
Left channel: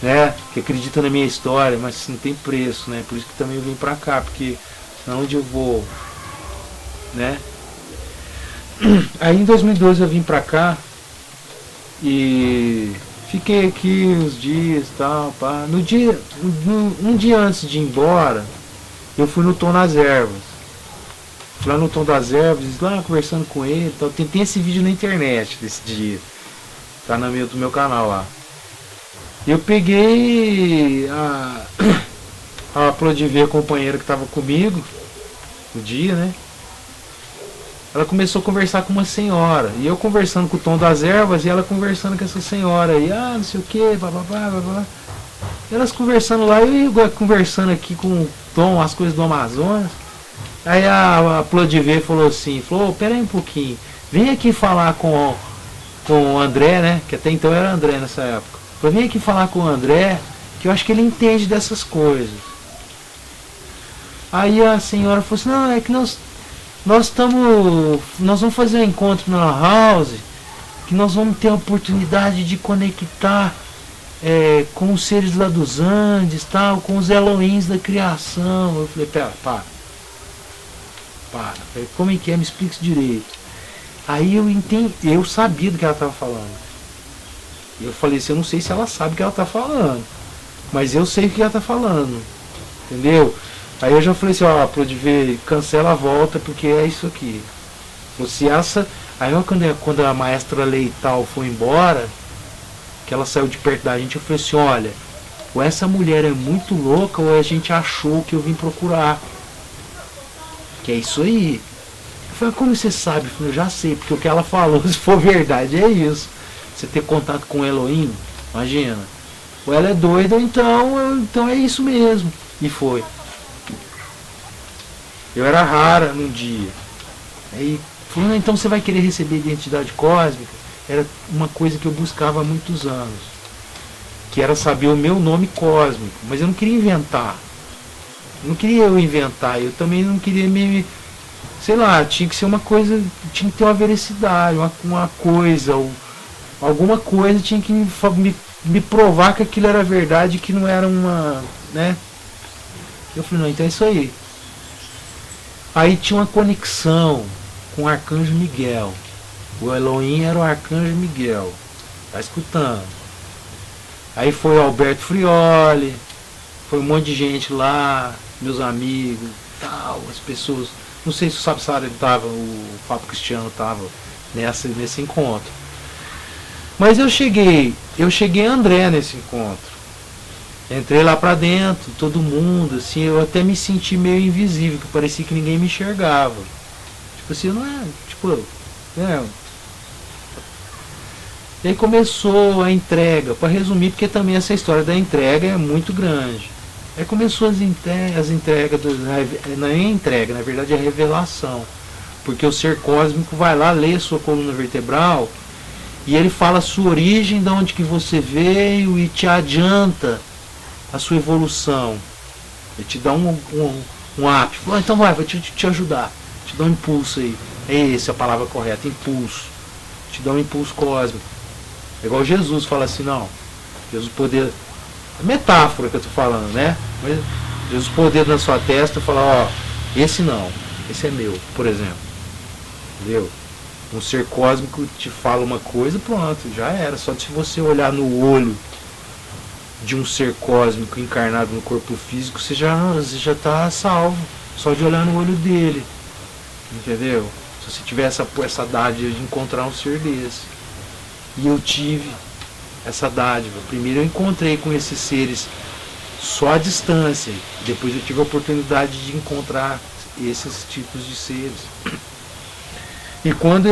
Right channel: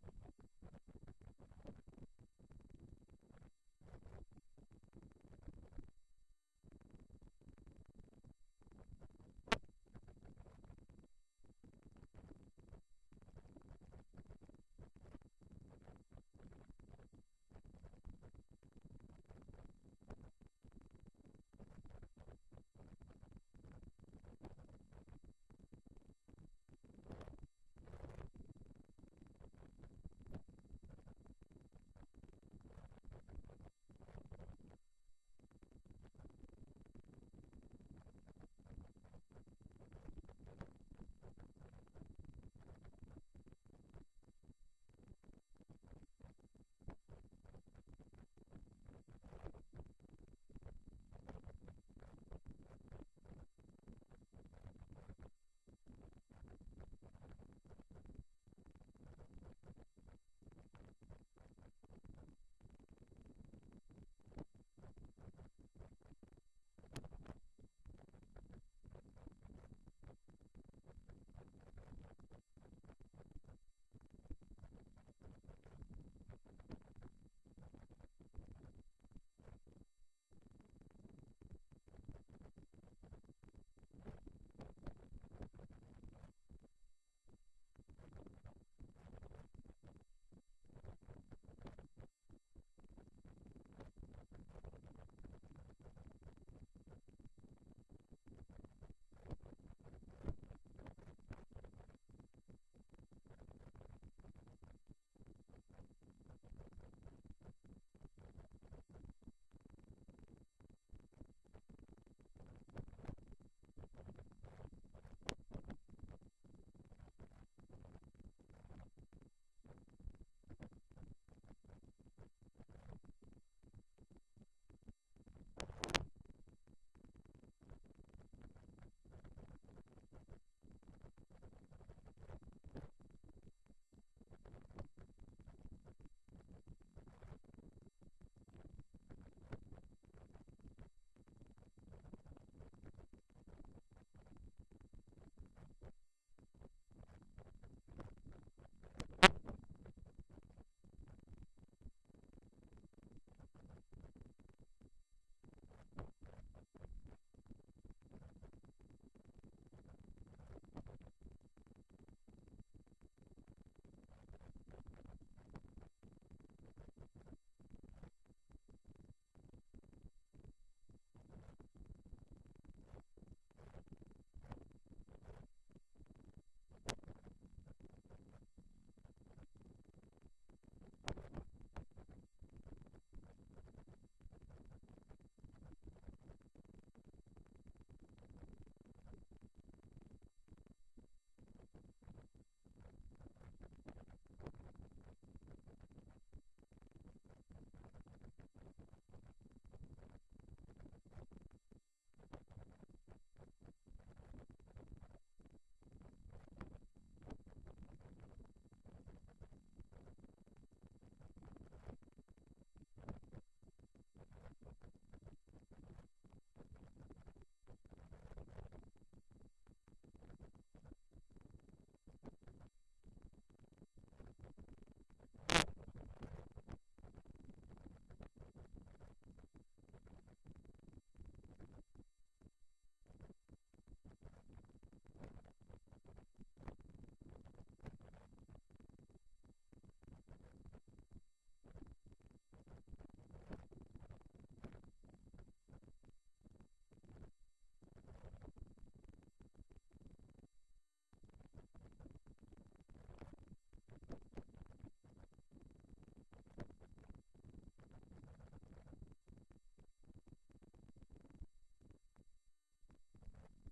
Né? Que acreditam na minha história, mas não tem preço, né? Por isso que também eu vim pra cá, porque onde eu vou, né? Aí em 2012 eu vim pra cá e fiquei aqui uns dias e tal, pá. Um dia antes de ir embora, eu fui no Tom das Ervas. Fui lá no Tom das Ervas, lá conversando com ele e tal. Tem esse vídeo na internet desse dia. Tá no do meu canal lá. Eu peguei a Plodiver, a companheira que tava comigo no dia, né? Ela começou a conversar com uma senhora. E eu conversando com o Tom das Ervas e ela conversando com essa senhora aí. Não sei o que, bababá, babá. Elas conversando lá e eu conversando aqui com Tom, as coisas do Amazonas. Aí a Plodiver falou assim, falou, pera aí um pouquinho, vem aqui falar com o André, né? Que até então era André nessa época. Falou, vem aqui falar com o André, que eu acho que ele entende dessas coisas. Aí a senhora falou assim, não, é que nós vamos fazer um encontro na house, que nós vamos ter a oportunidade de conectar com os seres lá dos Andes, tal, com os Elohims da criação. Eu falei, pera, para. Falei, como é que é? Me explica isso direito. Aí eu entendi, eu sabia do que ela estava falando. Eu falei assim, eu não sei se ela sabe o que ela está falando, mas eu sei o que ela está falando, entendeu? Aí eu já falei assim, ó, Plodiver, cancela a volta, porque é isso aqui. Se essa... Aí quando a maestra Leital foi embora, que ela saiu de perto da gente, eu falei assim, olha, ou essa mulher é muito louca, ou a gente achou que eu vim procurar. Que é isso aí. Eu falei, como você sabe? Eu falei, eu já sei, porque o que ela falou, se for verdade, é isso. Você ter contato com o Elohim, imagina. Ou ela é doida, ou então é isso mesmo. E foi. Eu era rara num dia. Aí falou, então você vai querer receber identidade cósmica? Era uma coisa que eu buscava há muitos anos. Que era saber o meu nome cósmico. Mas eu não queria inventar. Não queria eu inventar. Eu também não queria me... Sei lá, tinha que ser uma coisa... Tinha que ter uma veracidade, uma coisa. Ou alguma coisa tinha que me provar que aquilo era verdade, que não era uma... né? Eu falei, não, então é isso aí. Aí tinha uma conexão com o Arcanjo Miguel. O Elohim era o Arcanjo Miguel. Tá escutando? Aí foi o Alberto Frioli, foi um monte de gente lá, meus amigos, tal, as pessoas. Não sei se o Sapsara estava, o Fábio Cristiano estava nesse encontro. Mas eu cheguei André nesse encontro. Entrei lá pra dentro, todo mundo, assim, eu até me senti meio invisível, que parecia que ninguém me enxergava. Tipo assim, não é, tipo, E aí começou a entrega, para resumir, porque também essa história da entrega é muito grande. Aí começou as entregas, não é entrega, na verdade é revelação. Porque o ser cósmico vai lá, lê a sua coluna vertebral, e ele fala a sua origem, de onde que você veio, e te adianta a sua evolução. Ele te dá um up. Fala, então vou te ajudar. Te dá um impulso aí. É essa a palavra correta, impulso. Te dá um impulso cósmico. É igual Jesus fala assim, não. Jesus poder. É metáfora que eu tô falando, né? Mas Jesus poder na sua testa e falar, ó, esse não, esse é meu, por exemplo. Entendeu? Um ser cósmico te fala uma coisa, pronto, já era. Só se você olhar no olho de um ser cósmico encarnado no corpo físico, você já está salvo. Só de olhar no olho dele. Entendeu? Se você tiver essa dádiva de encontrar um ser desse. E eu tive essa dádiva. Primeiro eu encontrei com esses seres só à distância. Depois eu tive a oportunidade de encontrar esses tipos de seres. E quando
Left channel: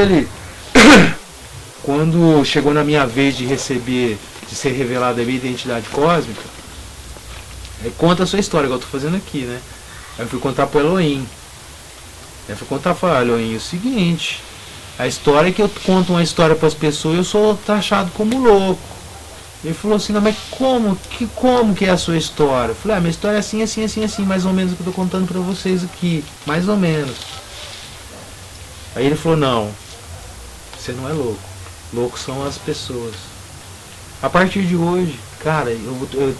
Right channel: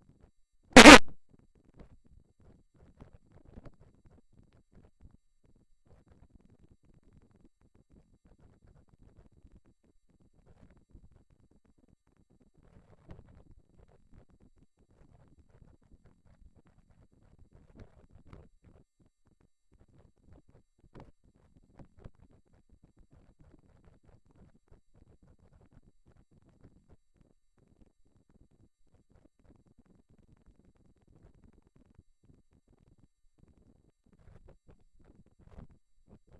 quando chegou na minha vez de receber, de ser revelada a minha identidade cósmica, conta a sua história, igual eu tô fazendo aqui, né? Aí eu fui contar pro Elohim. Eu fui contar para Elohim o seguinte: a história é que eu conto uma história para as pessoas e eu sou taxado como louco. Ele falou assim, não, mas como que é a sua história? Eu falei, minha história é assim, assim, assim, assim, mais ou menos o que eu tô contando para vocês aqui, mais ou menos. Aí ele falou, não, você não é louco. Loucos são as pessoas. A partir de hoje, cara, eu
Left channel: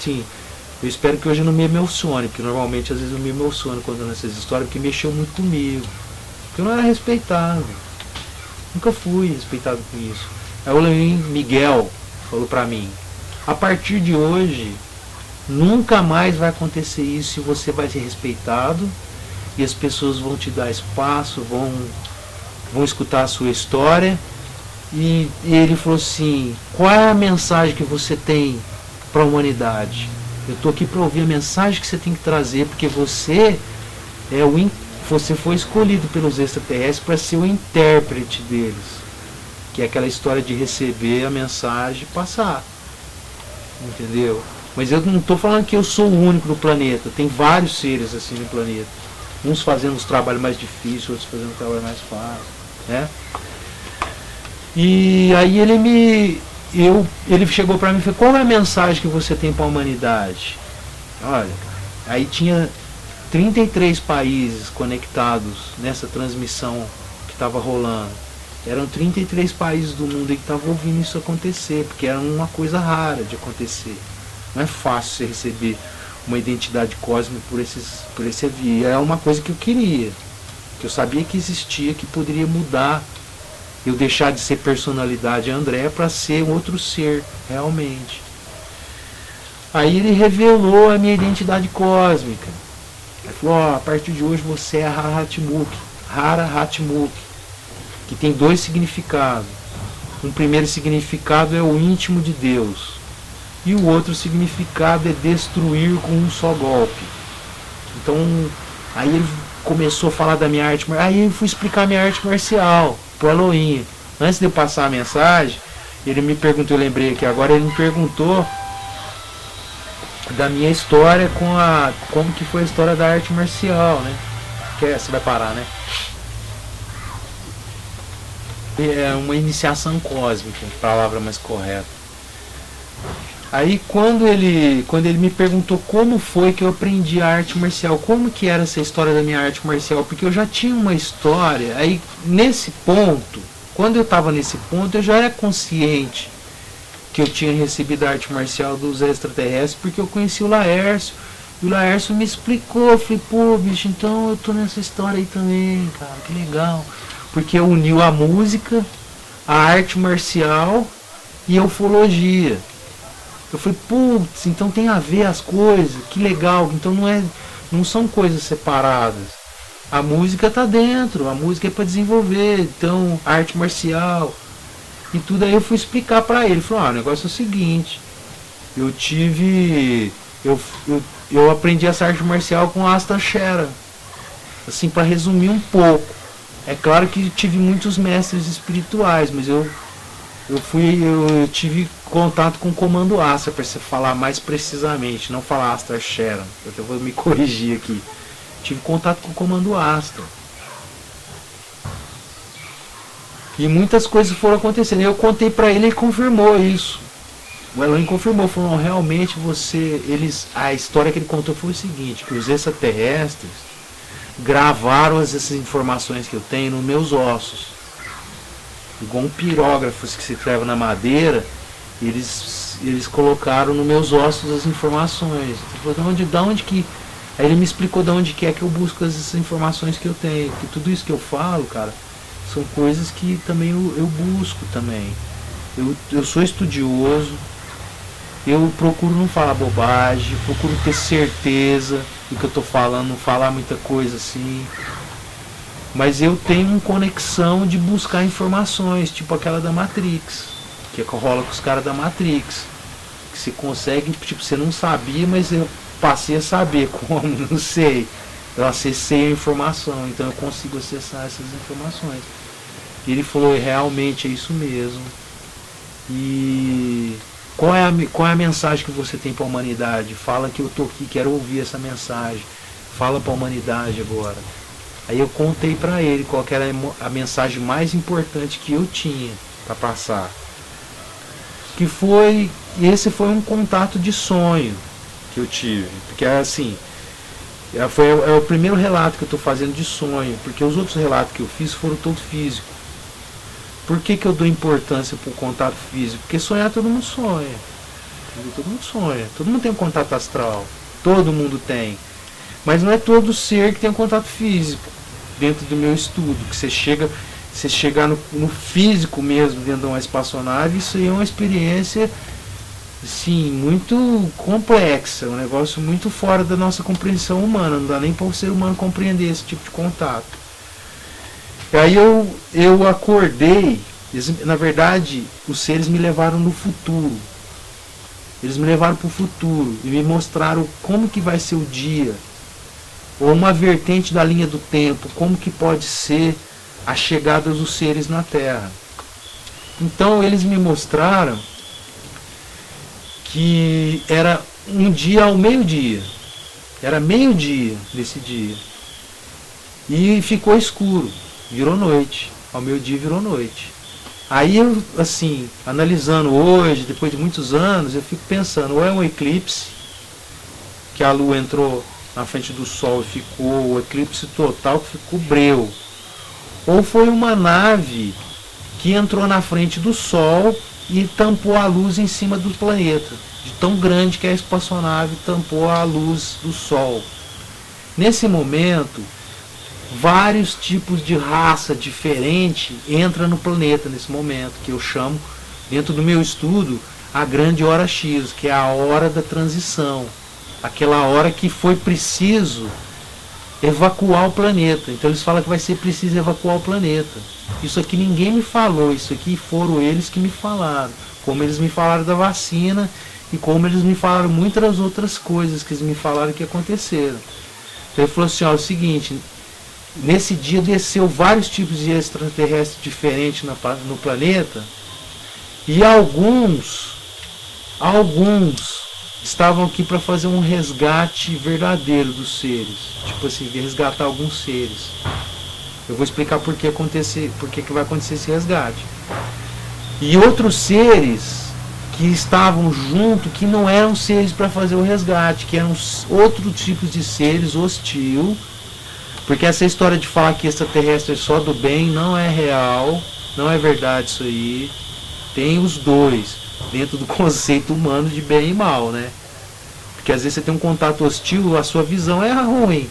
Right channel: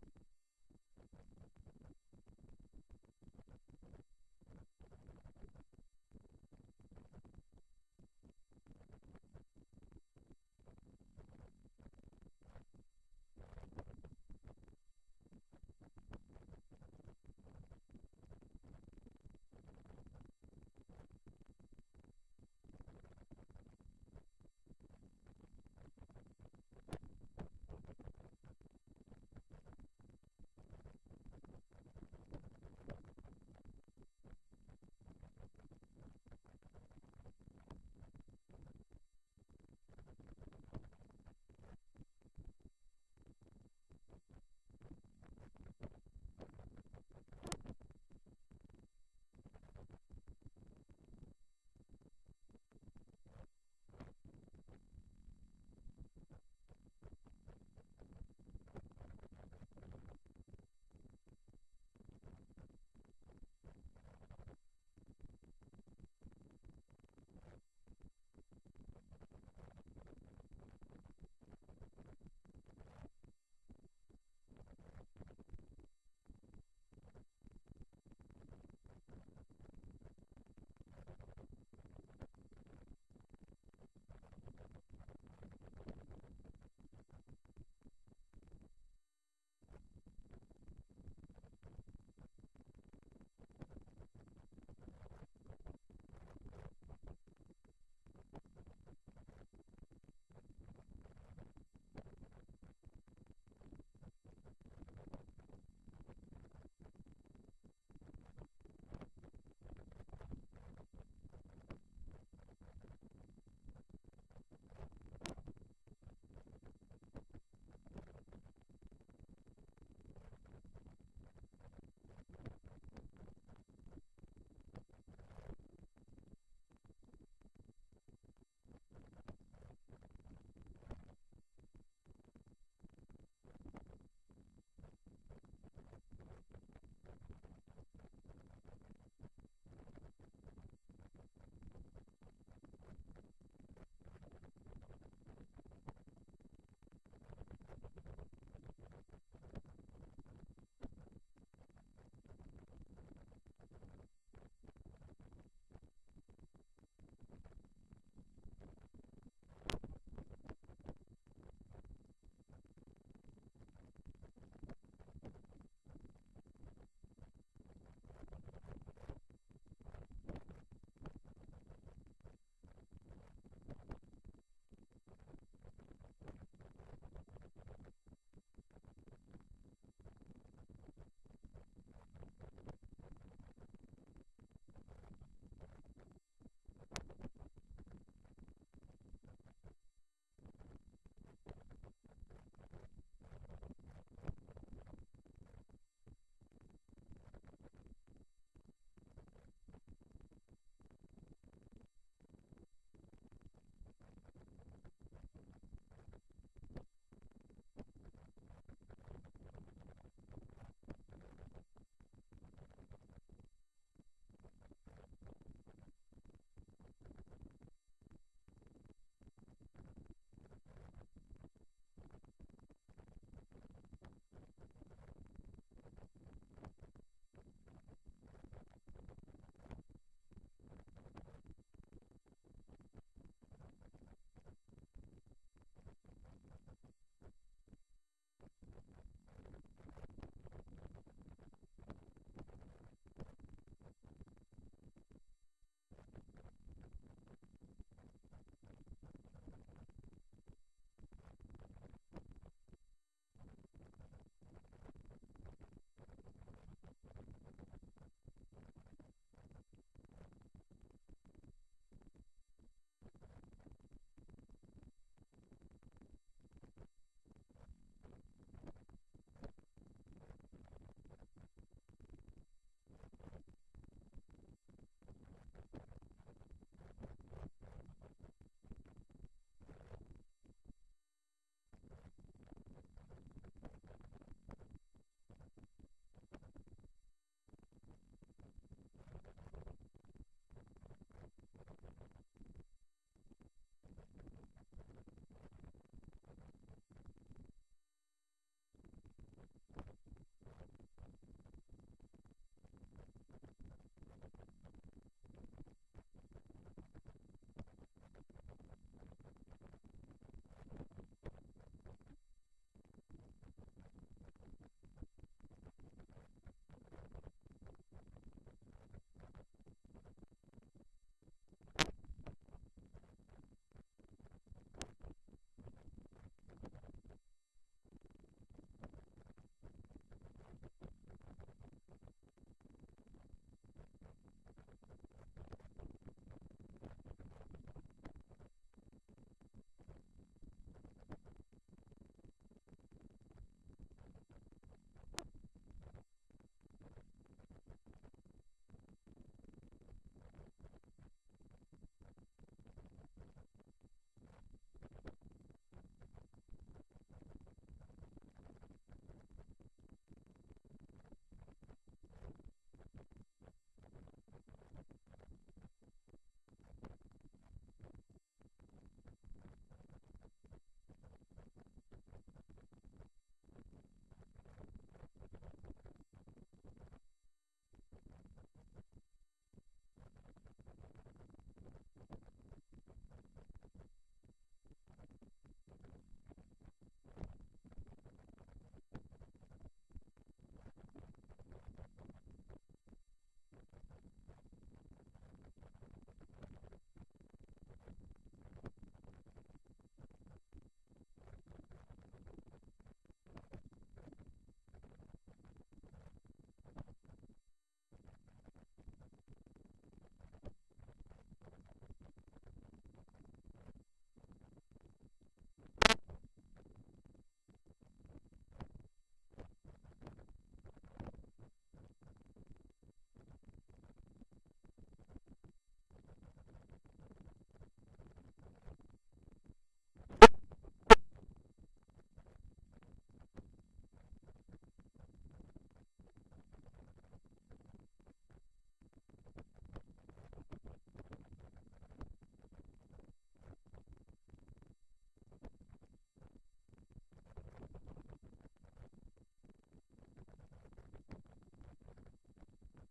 espero que hoje eu não me emocione, porque normalmente às vezes eu me emociono contando essas histórias, porque mexeu muito comigo. Porque eu não era respeitado. Nunca fui respeitado com isso. Aí o Elohim Miguel falou pra mim, a partir de hoje, nunca mais vai acontecer isso, e você vai ser respeitado, e as pessoas vão te dar espaço, vão escutar a sua história. E ele falou assim, qual é a mensagem que você tem para a humanidade? Eu estou aqui para ouvir a mensagem que você tem que trazer, porque você você foi escolhido pelos extraterrestres para ser o intérprete deles, que é aquela história de receber a mensagem e passar, entendeu? Mas eu não estou falando que eu sou o único no planeta. Tem vários seres assim no planeta. Uns fazendo os trabalhos mais difíceis, outros fazendo o trabalho mais fácil, né? E aí ele chegou para mim e falou: qual é a mensagem que você tem para a humanidade? Olha, aí tinha 33 países conectados nessa transmissão que estava rolando. Eram 33 países do mundo que estavam ouvindo isso acontecer, porque era uma coisa rara de acontecer. Não é fácil você receber uma identidade cósmica por esse via. É uma coisa que eu queria, que eu sabia que existia, que poderia mudar. Eu deixar de ser personalidade André para ser outro ser, realmente. Aí ele revelou a minha identidade cósmica. Ele falou: ó, a partir de hoje você é Hara Hatmukh, que tem 2 significados. Um primeiro significado é o íntimo de Deus. E o outro significado é destruir com um só golpe. Então, aí ele começou a falar da minha arte marcial. Aí eu fui explicar a minha arte marcial pro Elohim. Antes de eu passar a mensagem, ele me perguntou, eu lembrei aqui agora, ele me perguntou da minha história como que foi a história da arte marcial, né? Que você vai parar, né? É uma iniciação cósmica, palavra mais correta. Aí quando ele me perguntou como foi que eu aprendi a arte marcial, como que era essa história da minha arte marcial, porque eu já tinha uma história, aí nesse ponto, quando eu estava nesse ponto, eu já era consciente que eu tinha recebido a arte marcial dos extraterrestres, porque eu conheci o Laércio, e o Laércio me explicou, eu falei: pô, bicho, então eu tô nessa história aí também, cara, que legal, porque uniu a música, a arte marcial e a ufologia. Eu falei: putz, então tem a ver as coisas, que legal, então não são coisas separadas. A música tá dentro, a música é para desenvolver, então a arte marcial e tudo. Aí eu fui explicar para ele, ele falou: o negócio é o seguinte, eu aprendi essa arte marcial com Asta Shera, assim, para resumir um pouco. É claro que tive muitos mestres espirituais, mas eu tive contato com o Comando Astra, para você falar mais precisamente, não falar Astra Sharon, eu vou me corrigir aqui. Tive contato com o Comando Astra. E muitas coisas foram acontecendo. Eu contei para ele e ele confirmou isso. O Elohim confirmou, falou: realmente a história que ele contou foi o seguinte, que os extraterrestres gravaram essas informações que eu tenho nos meus ossos. Igual um pirógrafo que se escreve na madeira, eles colocaram nos meus ossos as informações. Eu falei: da onde que... Aí ele me explicou de onde que é que eu busco essas informações que eu tenho. Que tudo isso que eu falo, cara, são coisas que também eu busco também. Eu sou estudioso, eu procuro não falar bobagem, procuro ter certeza do que eu tô falando, não falar muita coisa assim. Mas eu tenho uma conexão de buscar informações, tipo aquela da Matrix, que rola com os caras da Matrix. Que você consegue, tipo, você não sabia, mas eu passei a saber como, não sei. Eu acessei a informação, então eu consigo acessar essas informações. E ele falou: realmente é isso mesmo. E qual é a mensagem que você tem para a humanidade? Fala que eu tô aqui, quero ouvir essa mensagem. Fala para a humanidade agora. Aí eu contei para ele qual que era a mensagem mais importante que eu tinha para passar. Esse foi um contato de sonho que eu tive. Porque assim, é o primeiro relato que eu estou fazendo de sonho, porque os outros relatos que eu fiz foram todos físicos. Por que eu dou importância para o contato físico? Porque sonhar todo mundo sonha. Todo mundo sonha. Todo mundo tem um contato astral. Todo mundo tem. Mas não é todo ser que tem um contato físico. Dentro do meu estudo, que você chegar no físico mesmo, dentro de uma espaçonave, isso aí é uma experiência, assim, muito complexa, um negócio muito fora da nossa compreensão humana, não dá nem para o ser humano compreender esse tipo de contato. Aí eu acordei, na verdade, os seres me levaram no futuro. Eles me levaram para o futuro e me mostraram como que vai ser o dia, ou uma vertente da linha do tempo, como que pode ser a chegada dos seres na Terra. Então eles me mostraram que era um dia ao meio-dia. Era meio-dia nesse dia. E ficou escuro, virou noite. Ao meio-dia virou noite. Aí eu, assim, analisando hoje, depois de muitos anos, eu fico pensando, ou é um eclipse, que a lua entrou na frente do sol e ficou o eclipse total, que ficou breu. Ou foi uma nave que entrou na frente do sol e tampou a luz em cima do planeta. De tão grande que a espaçonave tampou a luz do sol. Nesse momento, vários tipos de raça diferente entram no planeta nesse momento, que eu chamo, dentro do meu estudo, a grande hora X, que é a hora da transição. Aquela hora que foi preciso evacuar o planeta. Então eles falam que vai ser preciso evacuar o planeta. Isso aqui ninguém me falou, isso aqui foram eles que me falaram. Como eles me falaram da vacina e como eles me falaram muitas outras coisas que eles me falaram que aconteceram. Então ele falou assim, ó, é o seguinte, nesse dia desceu vários tipos de extraterrestres diferentes no planeta e alguns estavam aqui para fazer um resgate verdadeiro dos seres. Tipo assim, resgatar alguns seres. Eu vou explicar por que vai acontecer esse resgate. E outros seres que estavam junto, que não eram seres para fazer o resgate, que eram outros tipos de seres hostil. Porque essa história de falar que extraterrestre é só do bem não é real, não é verdade isso aí. Tem os dois, dentro do conceito humano de bem e mal, né? Porque às vezes você tem um contato hostil, a sua visão é ruim,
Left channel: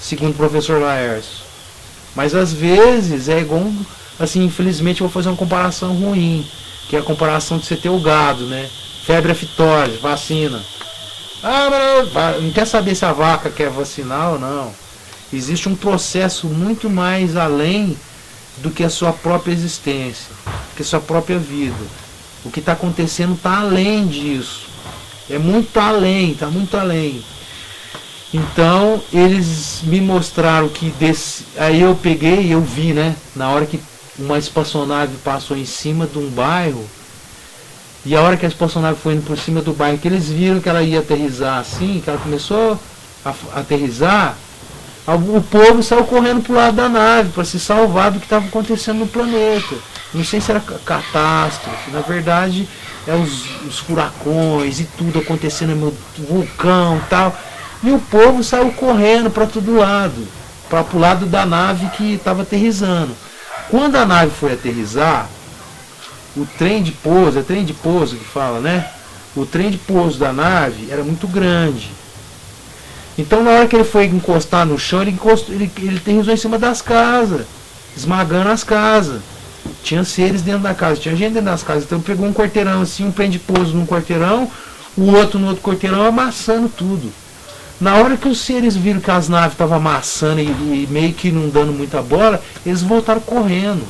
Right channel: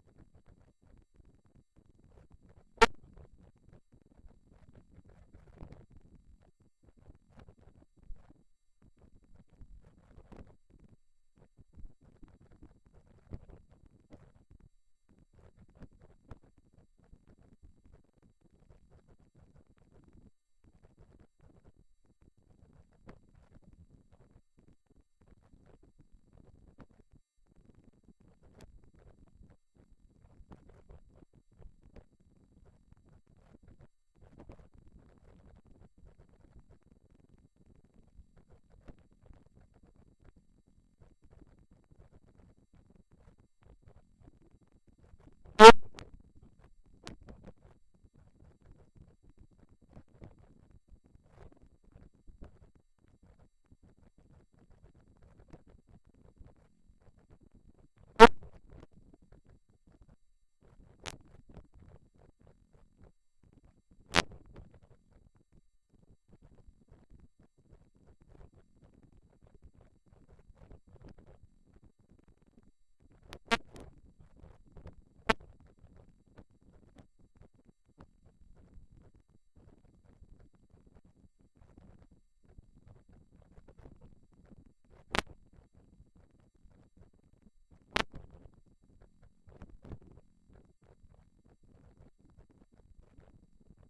segundo o professor Laércio. Mas às vezes é igual, assim, infelizmente eu vou fazer uma comparação ruim, que é a comparação de você ter o gado, né? Febre aftosa, vacina. Não quer saber se a vaca quer vacinar ou não. Existe um processo muito mais além do que a sua própria existência, do que a sua própria vida. O que está acontecendo está além disso. É muito além, está muito além. Então, eles me mostraram que aí eu peguei e eu vi, né? Na hora que uma espaçonave passou em cima de um bairro, e a hora que a espaçonave foi indo por cima do bairro, que eles viram que ela ia aterrissar assim, que ela começou a aterrissar, o povo saiu correndo pro lado da nave para se salvar do que estava acontecendo no planeta. Não sei se era catástrofe, na verdade é os furacões e tudo acontecendo no vulcão e tal. E o povo saiu correndo para todo lado, para o lado da nave que estava aterrissando. Quando a nave foi aterrissar, o trem de pouso, é trem de pouso que fala, né? O trem de pouso da nave era muito grande. Então na hora que ele foi encostar no chão, ele aterrissou em cima das casas, esmagando as casas. Tinha seres dentro da casa, tinha gente dentro das casas. Então pegou um quarteirão assim, um trem de pouso num quarteirão, o outro no outro quarteirão, amassando tudo. Na hora que os seres viram que as naves estavam amassando e meio que não dando muita bola, eles voltaram correndo.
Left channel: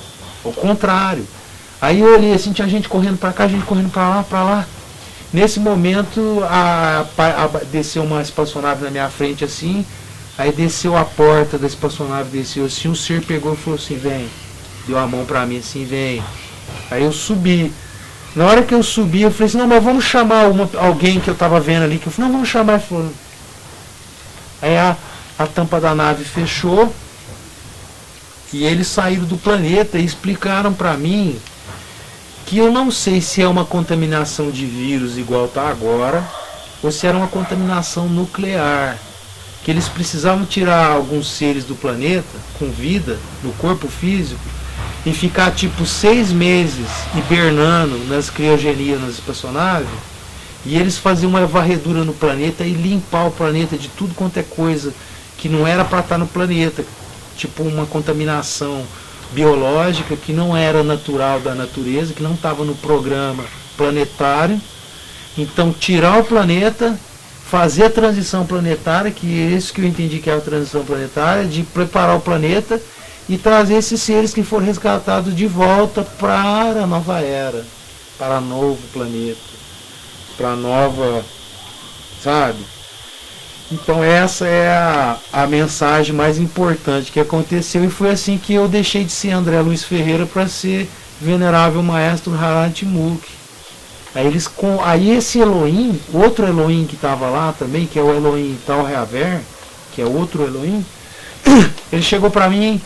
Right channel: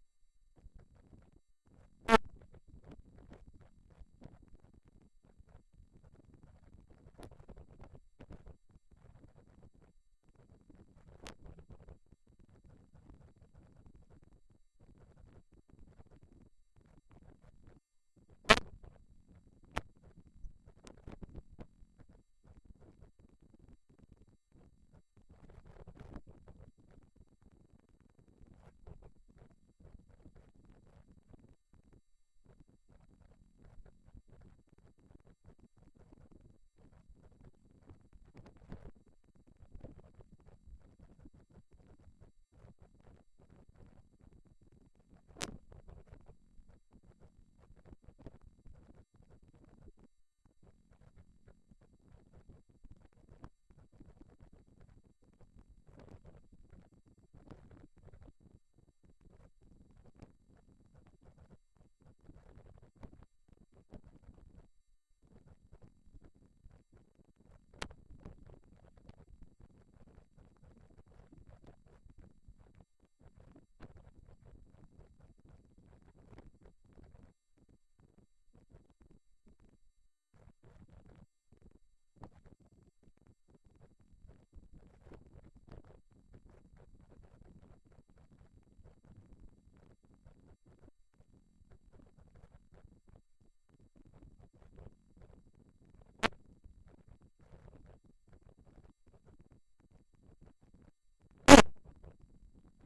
Ao contrário. Aí eu olhei assim, tinha gente correndo para cá, gente correndo para lá, para lá. Nesse momento, desceu uma espaçonave na minha frente assim, aí desceu a porta da espaçonave, desceu assim, um ser pegou e falou assim, vem. Deu a mão pra mim assim, vem. Aí eu subi. Na hora que eu subi, eu falei assim, não, mas vamos chamar alguém que eu tava vendo ali, que eu falei, não, vamos chamar. Ele falou. Aí a tampa da nave fechou, e eles saíram do planeta e explicaram pra mim que eu não sei se é uma contaminação de vírus igual está agora, ou se era uma contaminação nuclear. Que eles precisavam tirar alguns seres do planeta, com vida, no corpo físico, e ficar tipo 6 meses hibernando nas criogenias, nas espaçonaves, e eles faziam uma varredura no planeta e limpar o planeta de tudo quanto é coisa que não era para estar no planeta, tipo uma contaminação biológica que não era natural da natureza, que não estava no programa planetário. Então tirar o planeta, fazer a transição planetária, que é isso que eu entendi que é a transição planetária, de preparar o planeta e trazer esses seres que foram resgatados de volta para a nova era, para o novo planeta, para a nova, sabe? Então essa é a mensagem mais importante que aconteceu, e foi assim que eu deixei de ser André Luiz Ferreira para ser Venerável Maestro Harald Timurk. Aí esse Elohim, outro Elohim que estava lá também, que é o Elohim Tal Reaver, que é outro Elohim, ele chegou para mim,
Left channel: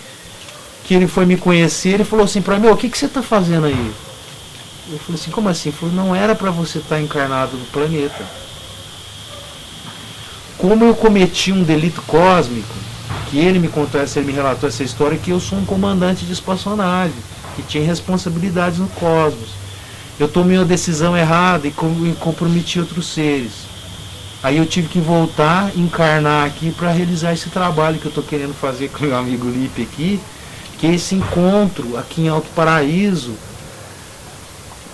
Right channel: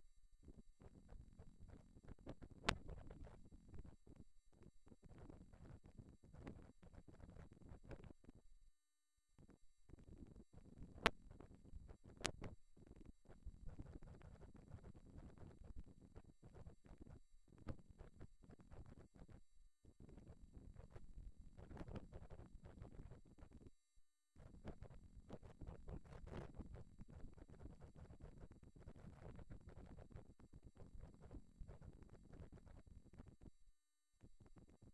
que ele foi me conhecer, ele falou assim para mim, o que você está fazendo aí? Eu falei assim, como assim? Ele falou, não era para você estar encarnado no planeta. Como eu cometi um delito cósmico, que ele me contou, ele me relatou essa história, que eu sou um comandante de espaçonave, que tinha responsabilidades no cosmos. Eu tomei uma decisão errada e comprometi outros seres. Aí eu tive que voltar, encarnar aqui para realizar esse trabalho que eu estou querendo fazer com meu amigo Lipe aqui, que é esse encontro aqui em Alto Paraíso,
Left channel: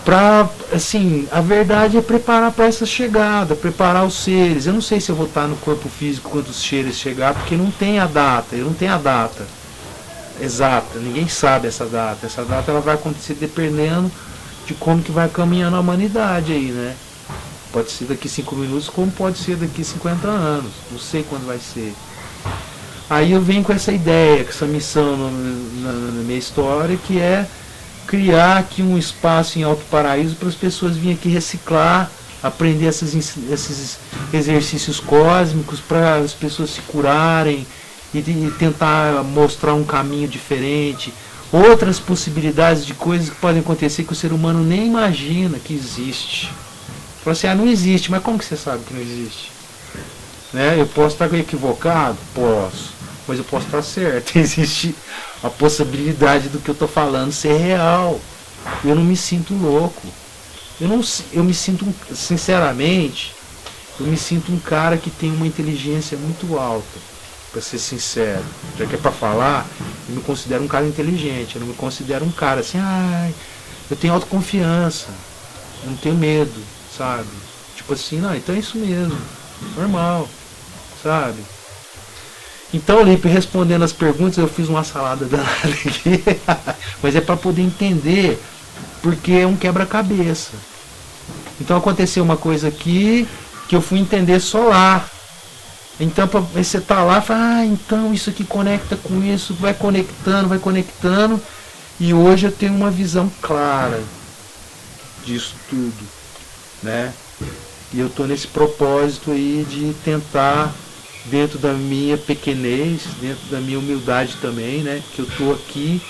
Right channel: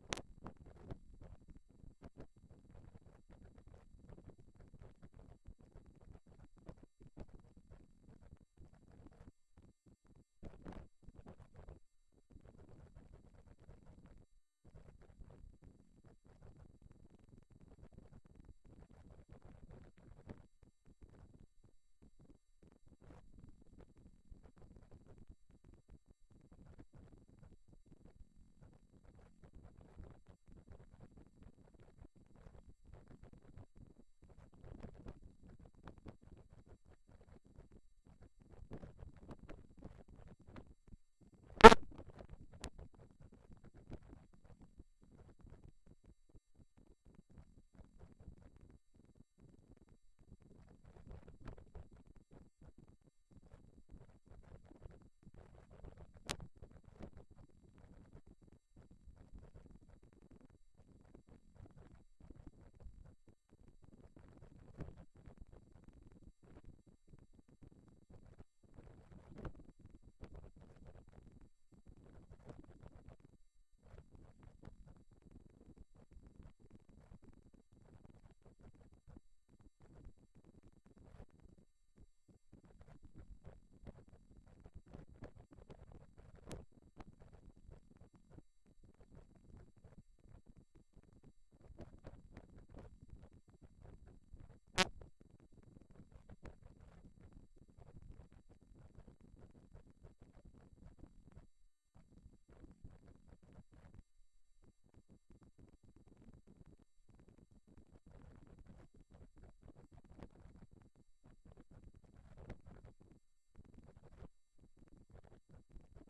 para, assim, a verdade é preparar para essa chegada, preparar os seres. Eu não sei se eu vou estar no corpo físico quando os seres chegar, porque não tem a data, eu não tenho a data exata, ninguém sabe essa data. Essa data ela vai acontecer dependendo de como que vai caminhando a humanidade aí, né? Pode ser daqui 5 minutos, como pode ser daqui 50 anos, não sei quando vai ser. Aí eu venho com essa ideia, com essa missão na minha história, que é criar aqui um espaço em Alto Paraíso para as pessoas virem aqui reciclar, aprender esses exercícios cósmicos para as pessoas se curarem e tentar mostrar um caminho diferente, outras possibilidades de coisas que podem acontecer que o ser humano nem imagina que existe. Fala assim, não existe, mas como que você sabe que não existe? Né? Eu posso estar equivocado? Posso, mas eu posso estar certo. Existe a possibilidade do que eu estou falando ser real. Eu não me sinto louco. Eu me sinto, sinceramente, eu me sinto um cara que tem uma inteligência muito alta, para ser sincero. Já que é para falar, eu me considero um cara inteligente. Eu não me considero um cara assim, eu tenho autoconfiança, eu não tenho medo, sabe? Tipo assim, não, então é isso mesmo, normal, sabe? Então, Lipe, respondendo as perguntas, eu fiz uma salada danada aqui, mas é para poder entender, porque é um quebra-cabeça. Então aconteceu uma coisa aqui que eu fui entender só lá. Então você tá lá e fala, então isso aqui conecta com isso, vai conectando, e hoje eu tenho uma visão clara disso tudo, né? E eu tô nesse propósito aí de tentar, dentro da minha pequenez, dentro da minha humildade também, né? Que eu tô aqui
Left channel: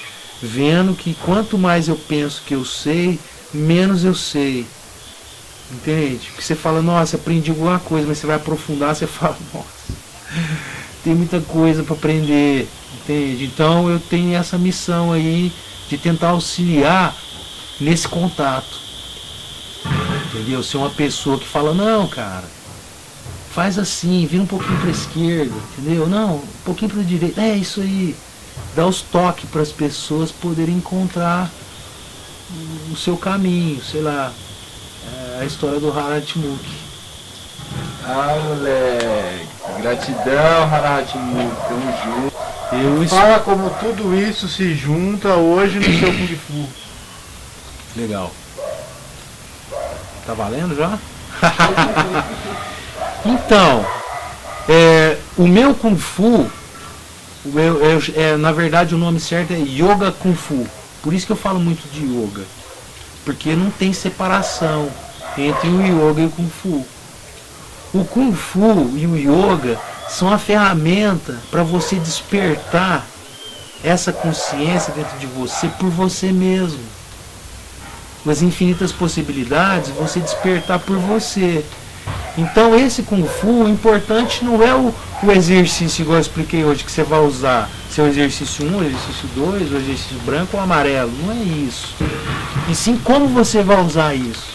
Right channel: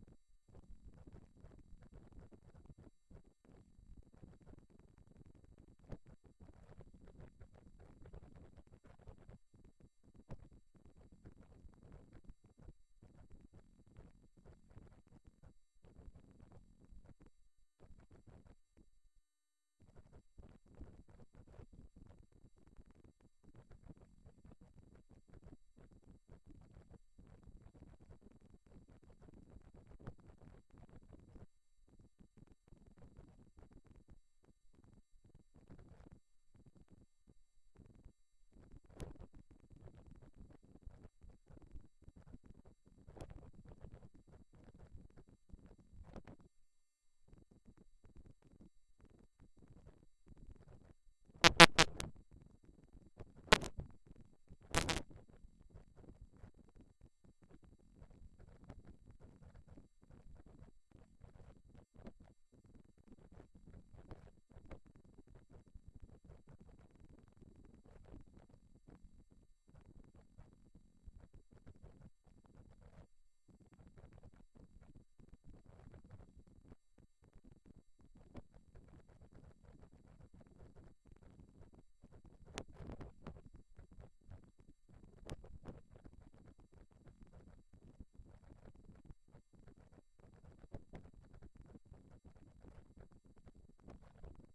vendo que quanto mais eu penso que eu sei, menos eu sei. Entende? Porque você fala, nossa, aprendi alguma coisa, mas você vai aprofundar, você fala, nossa, tem muita coisa para aprender, entende? Então eu tenho essa missão aí de tentar auxiliar nesse contato, entendeu? Ser uma pessoa que fala, não, cara, faz assim, vira um pouquinho para a esquerda, entendeu? Não, um pouquinho para a direita, é isso aí. Dá os toques para as pessoas poderem encontrar o seu caminho, sei lá. A história do Haratmuk. Moleque, gratidão, Haratmuk, tamo junto. Fala como tudo isso se junta hoje no seu Kung Fu. Legal. Tá valendo já? Então, o meu Kung Fu, na verdade o nome certo é Yoga Kung Fu. Por isso que eu falo muito de yoga. Porque não tem separação entre o yoga e o Kung Fu. O Kung Fu e o yoga são a ferramenta para você despertar essa consciência dentro de você por você mesmo. As infinitas possibilidades, você despertar por você. Então esse Kung Fu, o importante não é o exercício, igual eu expliquei hoje, que você vai usar. Se é o exercício 1, o exercício 2, o exercício branco ou amarelo. Não é isso. E sim como você vai usar isso.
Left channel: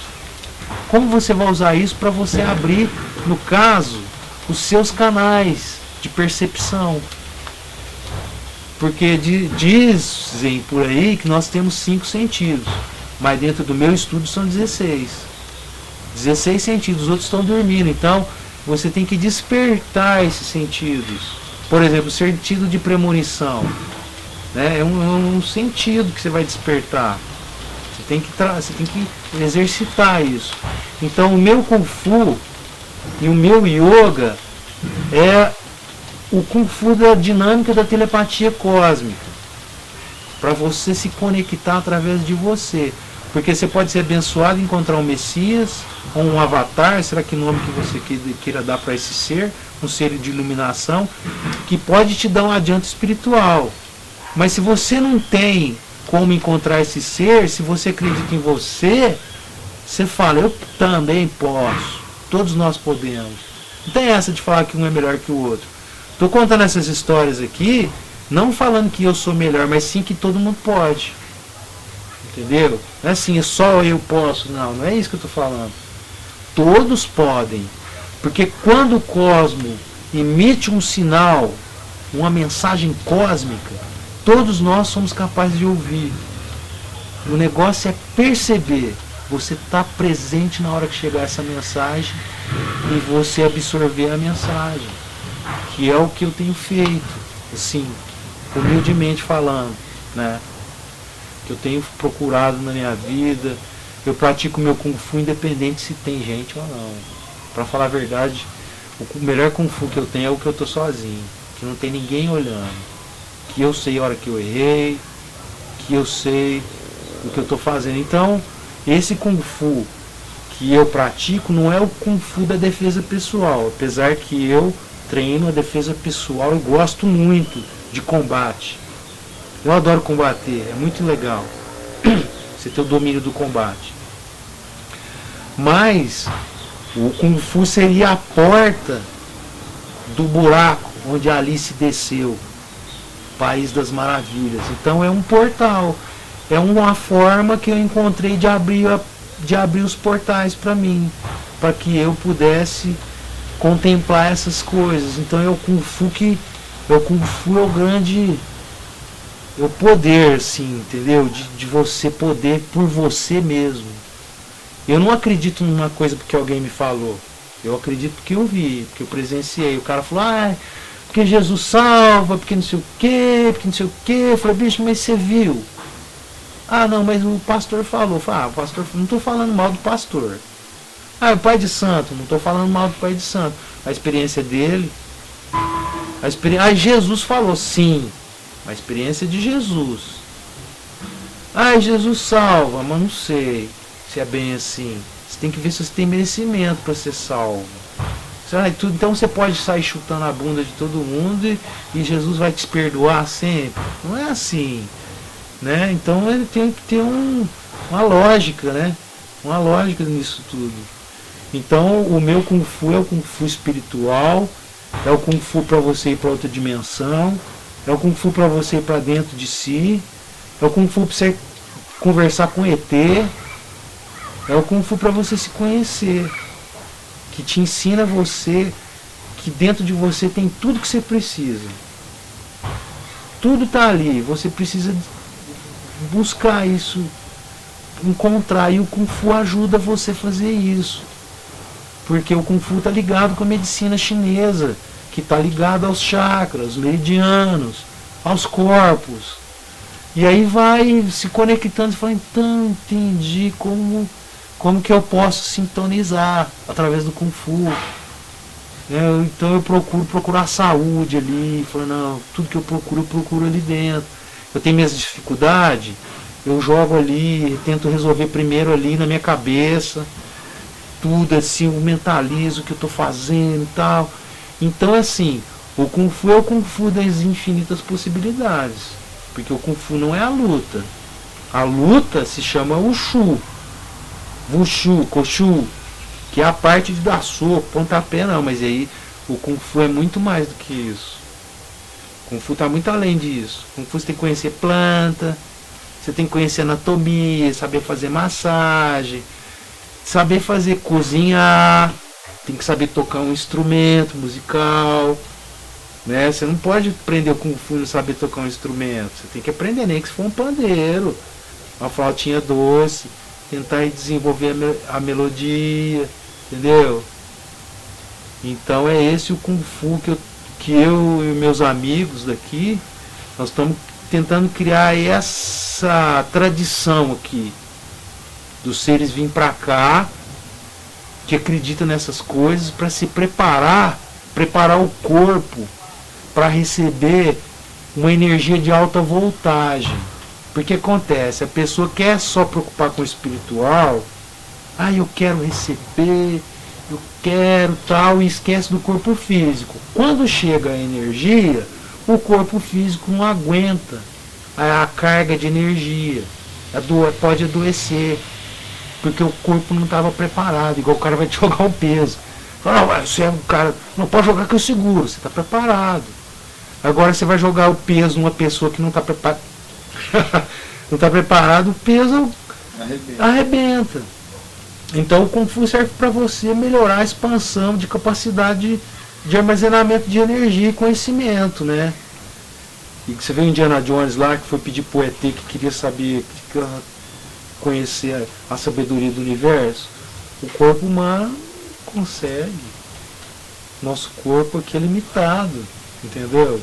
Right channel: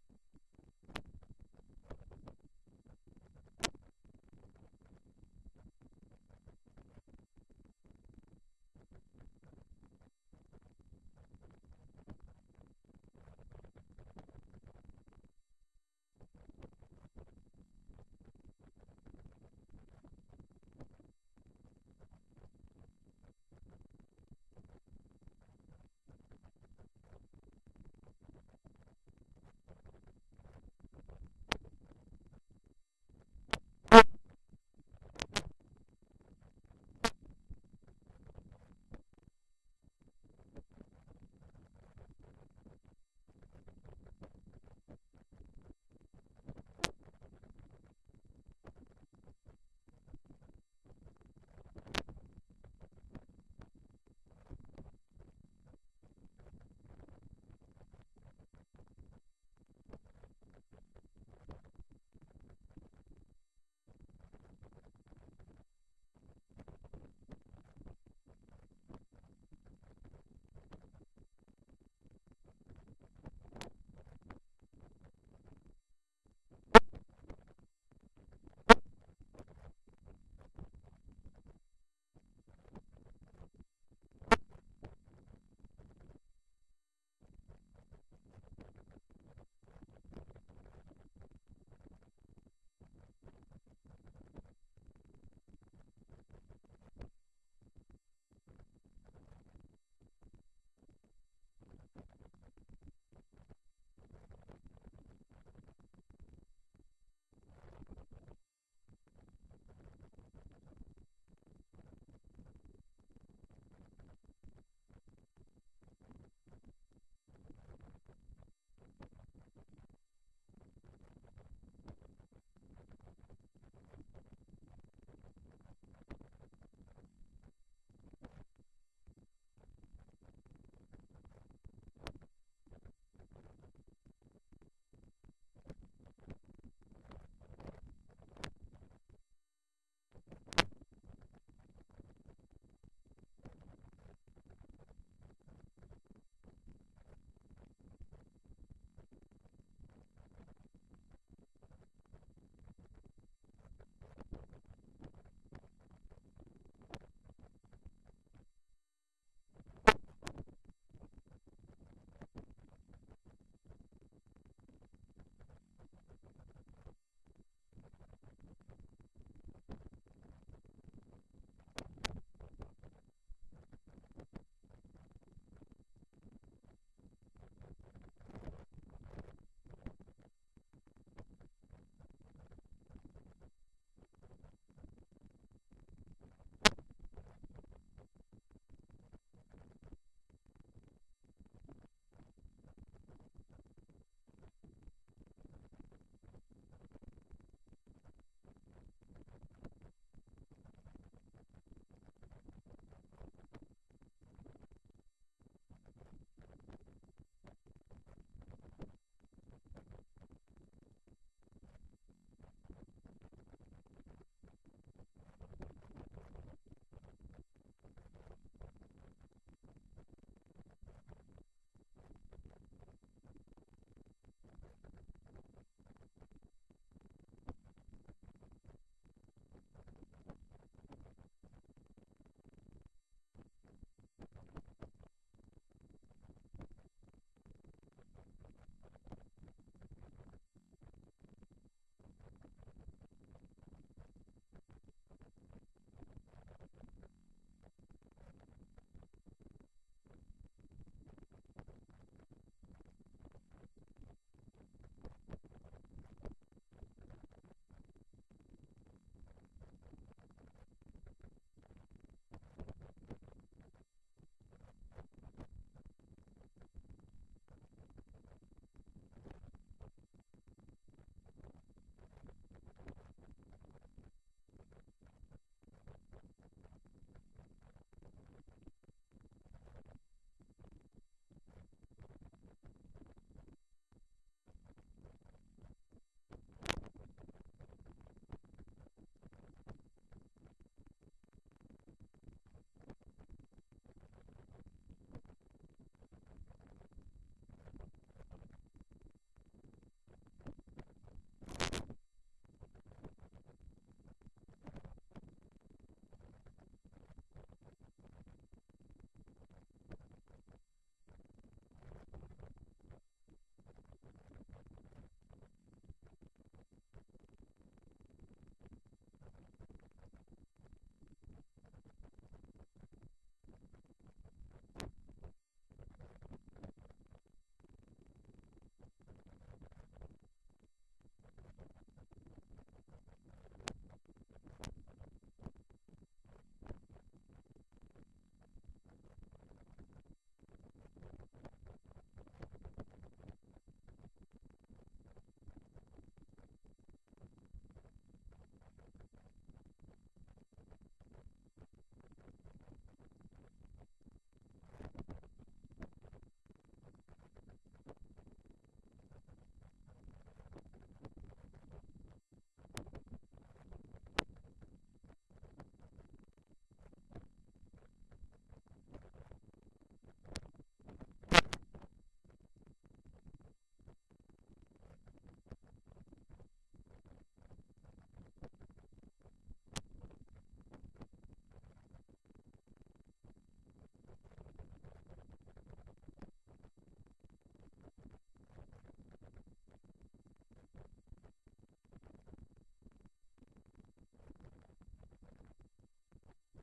Como você vai usar isso para você abrir, no caso, os seus canais de percepção. Porque dizem por aí que nós temos 5 sentidos. Mas dentro do meu estudo são 16. 16 sentidos, os outros estão dormindo. Então, você tem que despertar esses sentidos. Por exemplo, o sentido de premonição, né? É um sentido que você vai despertar. Você tem que exercitar isso. Então, o meu Kung Fu e o meu Yoga é o Kung Fu da dinâmica da telepatia cósmica. Para você se conectar através de você. Porque você pode ser abençoado e encontrar um Messias, ou um avatar, será que nome que você queira dar para esse ser, um ser de iluminação, que pode te dar um adianto espiritual. Mas se você não tem como encontrar esse ser, se você acredita em você, você fala, eu também posso, todos nós podemos. Não tem essa de falar que um é melhor que o outro. Estou contando essas histórias aqui, não falando que eu sou melhor, mas sim que todo mundo pode. Entendeu? Não é assim, só eu posso. Não é isso que eu estou falando. Todos podem. Porque quando o cosmo emite um sinal, uma mensagem cósmica, todos nós somos capazes de ouvir. O negócio é perceber. Você está presente na hora que chegar essa mensagem e você absorver a mensagem. Que é o que eu tenho feito. Assim, humildemente falando, né? Que eu tenho procurado na minha vida. Eu pratico meu Kung Fu independente se tem gente ou não. Para falar a verdade, o melhor Kung Fu que eu tenho é o que eu tô sozinho, que não tem ninguém olhando, que eu sei a hora que eu errei, que eu sei o que eu tô fazendo. Então, esse Kung Fu que eu pratico não é o Kung Fu da defesa pessoal, apesar que eu treino a defesa pessoal e gosto muito de combate. Eu adoro combater, é muito legal você ter o domínio do combate. Mas o Kung Fu seria a porta do buraco onde a Alice desceu, País das Maravilhas. Então é um portal, é uma forma que eu encontrei de abrir os portais para mim, para que eu pudesse contemplar essas coisas. Então é o Kung Fu é o grande, é o poder, assim, entendeu? De você poder por você mesmo. Eu não acredito numa coisa porque alguém me falou. Eu acredito porque eu vi, porque eu presenciei. O cara falou, porque Jesus salva, porque não sei o quê, porque não sei o quê. Eu falei, bicho, mas você viu? Ah, não, mas o pastor falou. Eu falei, o pastor, não estou falando mal do pastor. O pai de santo, não estou falando mal do pai de santo. A experiência dele, Jesus falou, sim. A experiência de Jesus. Jesus salva, mas não sei se é bem assim. Você tem que ver se você tem merecimento para ser salvo. Então você pode sair chutando a bunda de todo mundo e Jesus vai te perdoar sempre. Não é assim, né? Então ele tem que ter uma lógica, né? Uma lógica nisso tudo. Então o meu Kung Fu é o Kung Fu espiritual, é o Kung Fu para você ir para outra dimensão, é o Kung Fu para você ir para dentro de si, é o Kung Fu para você conversar com ET, é o Kung Fu para você se conhecer, que te ensina você que dentro de você tem tudo que você precisa. Tudo está ali, você precisa buscar isso, encontrar, e o Kung Fu ajuda você a fazer isso. Porque o Kung Fu está ligado com a medicina chinesa, que está ligado aos chakras, meridianos, aos corpos. E aí vai se conectando e fala, então entendi como que eu posso sintonizar através do Kung Fu. Então eu procuro procurar saúde ali, falo, não, tudo que eu procuro ali dentro. Eu tenho minhas dificuldades, eu jogo ali, tento resolver primeiro ali na minha cabeça, tudo assim, eu mentalizo o que eu estou fazendo e tal. Então assim, o Kung Fu é o Kung Fu das infinitas possibilidades. Porque o Kung Fu não é a luta. A luta se chama Wushu. Wushu, Koshu, que é a parte de dar soco, pontapé não, mas aí o Kung Fu é muito mais do que isso. O Kung Fu está muito além disso. O Kung Fu você tem que conhecer planta, você tem que conhecer anatomia, saber fazer massagem, saber fazer cozinhar, tem que saber tocar um instrumento musical, né? Você não pode aprender o Kung Fu e não saber tocar um instrumento. Você tem que aprender nem que se for um pandeiro, uma flautinha doce, tentar desenvolver a melodia, entendeu? Então é esse o Kung Fu que eu e meus amigos daqui, nós estamos tentando criar essa tradição aqui, dos seres virem para cá, que acreditam nessas coisas, para se preparar o corpo para receber uma energia de alta voltagem. Porque acontece, a pessoa quer só preocupar com o espiritual, eu quero receber, eu quero tal, e esquece do corpo físico. Quando chega a energia, o corpo físico não aguenta a carga de energia, pode adoecer, porque o corpo não estava preparado, igual o cara vai te jogar um peso. Fala, você é um cara, não pode jogar que eu seguro, você está preparado. Agora você vai jogar o peso numa pessoa que não está preparada. Não está preparado, o peso arrebenta. Então o Kung Fu serve para você melhorar a expansão de capacidade de armazenamento de energia e conhecimento, né? E que você vê o Indiana Jones lá, que foi pedir pro ET que queria saber, conhecer a sabedoria do universo. O corpo humano consegue. Nosso corpo aqui é limitado, entendeu?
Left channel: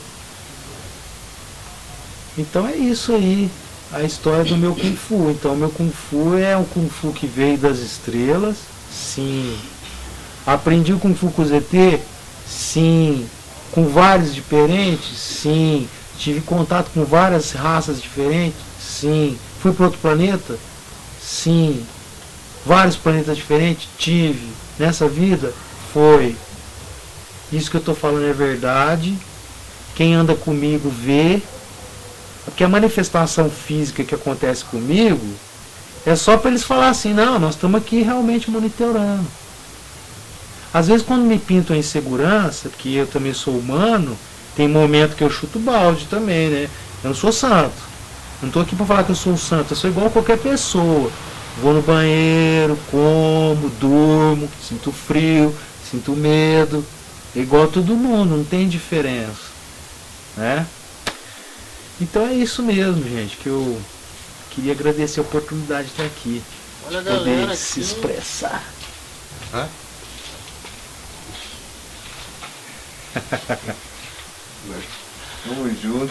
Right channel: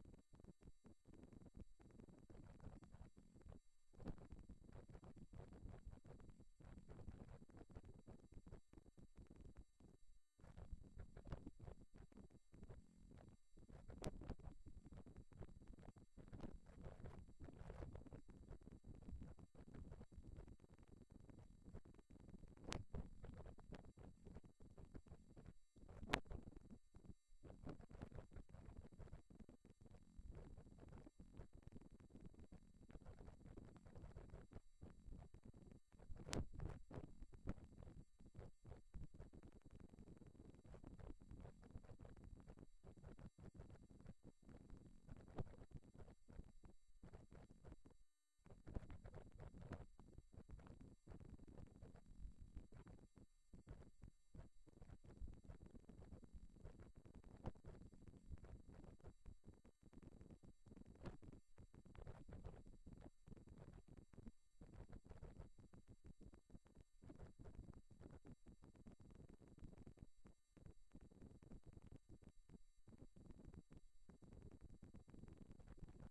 Então é isso aí, a história do meu Kung Fu. Então o meu Kung Fu é um Kung Fu que veio das estrelas, sim. Aprendi o Kung Fu com o ZT? Sim. Com vários diferentes? Sim. Tive contato com várias raças diferentes? Sim. Fui para outro planeta? Sim. Vários planetas diferentes? Tive. Nessa vida? Foi. Isso que eu estou falando é verdade. Quem anda comigo vê. Porque a manifestação física que acontece comigo é só para eles falarem assim, não, nós estamos aqui realmente monitorando. Às vezes quando me pintam a insegurança, que eu também sou humano, tem momento que eu chuto balde também, né? Eu não sou santo. Não estou aqui para falar que eu sou um santo, eu sou igual a qualquer pessoa. Vou no banheiro, como, durmo, sinto frio, sinto medo. É igual a todo mundo, não tem diferença. Né? Então é isso mesmo, gente, que eu queria agradecer a oportunidade de estar aqui. Olha a de poder galera se aqui. expressar. Hã? Tamo junto.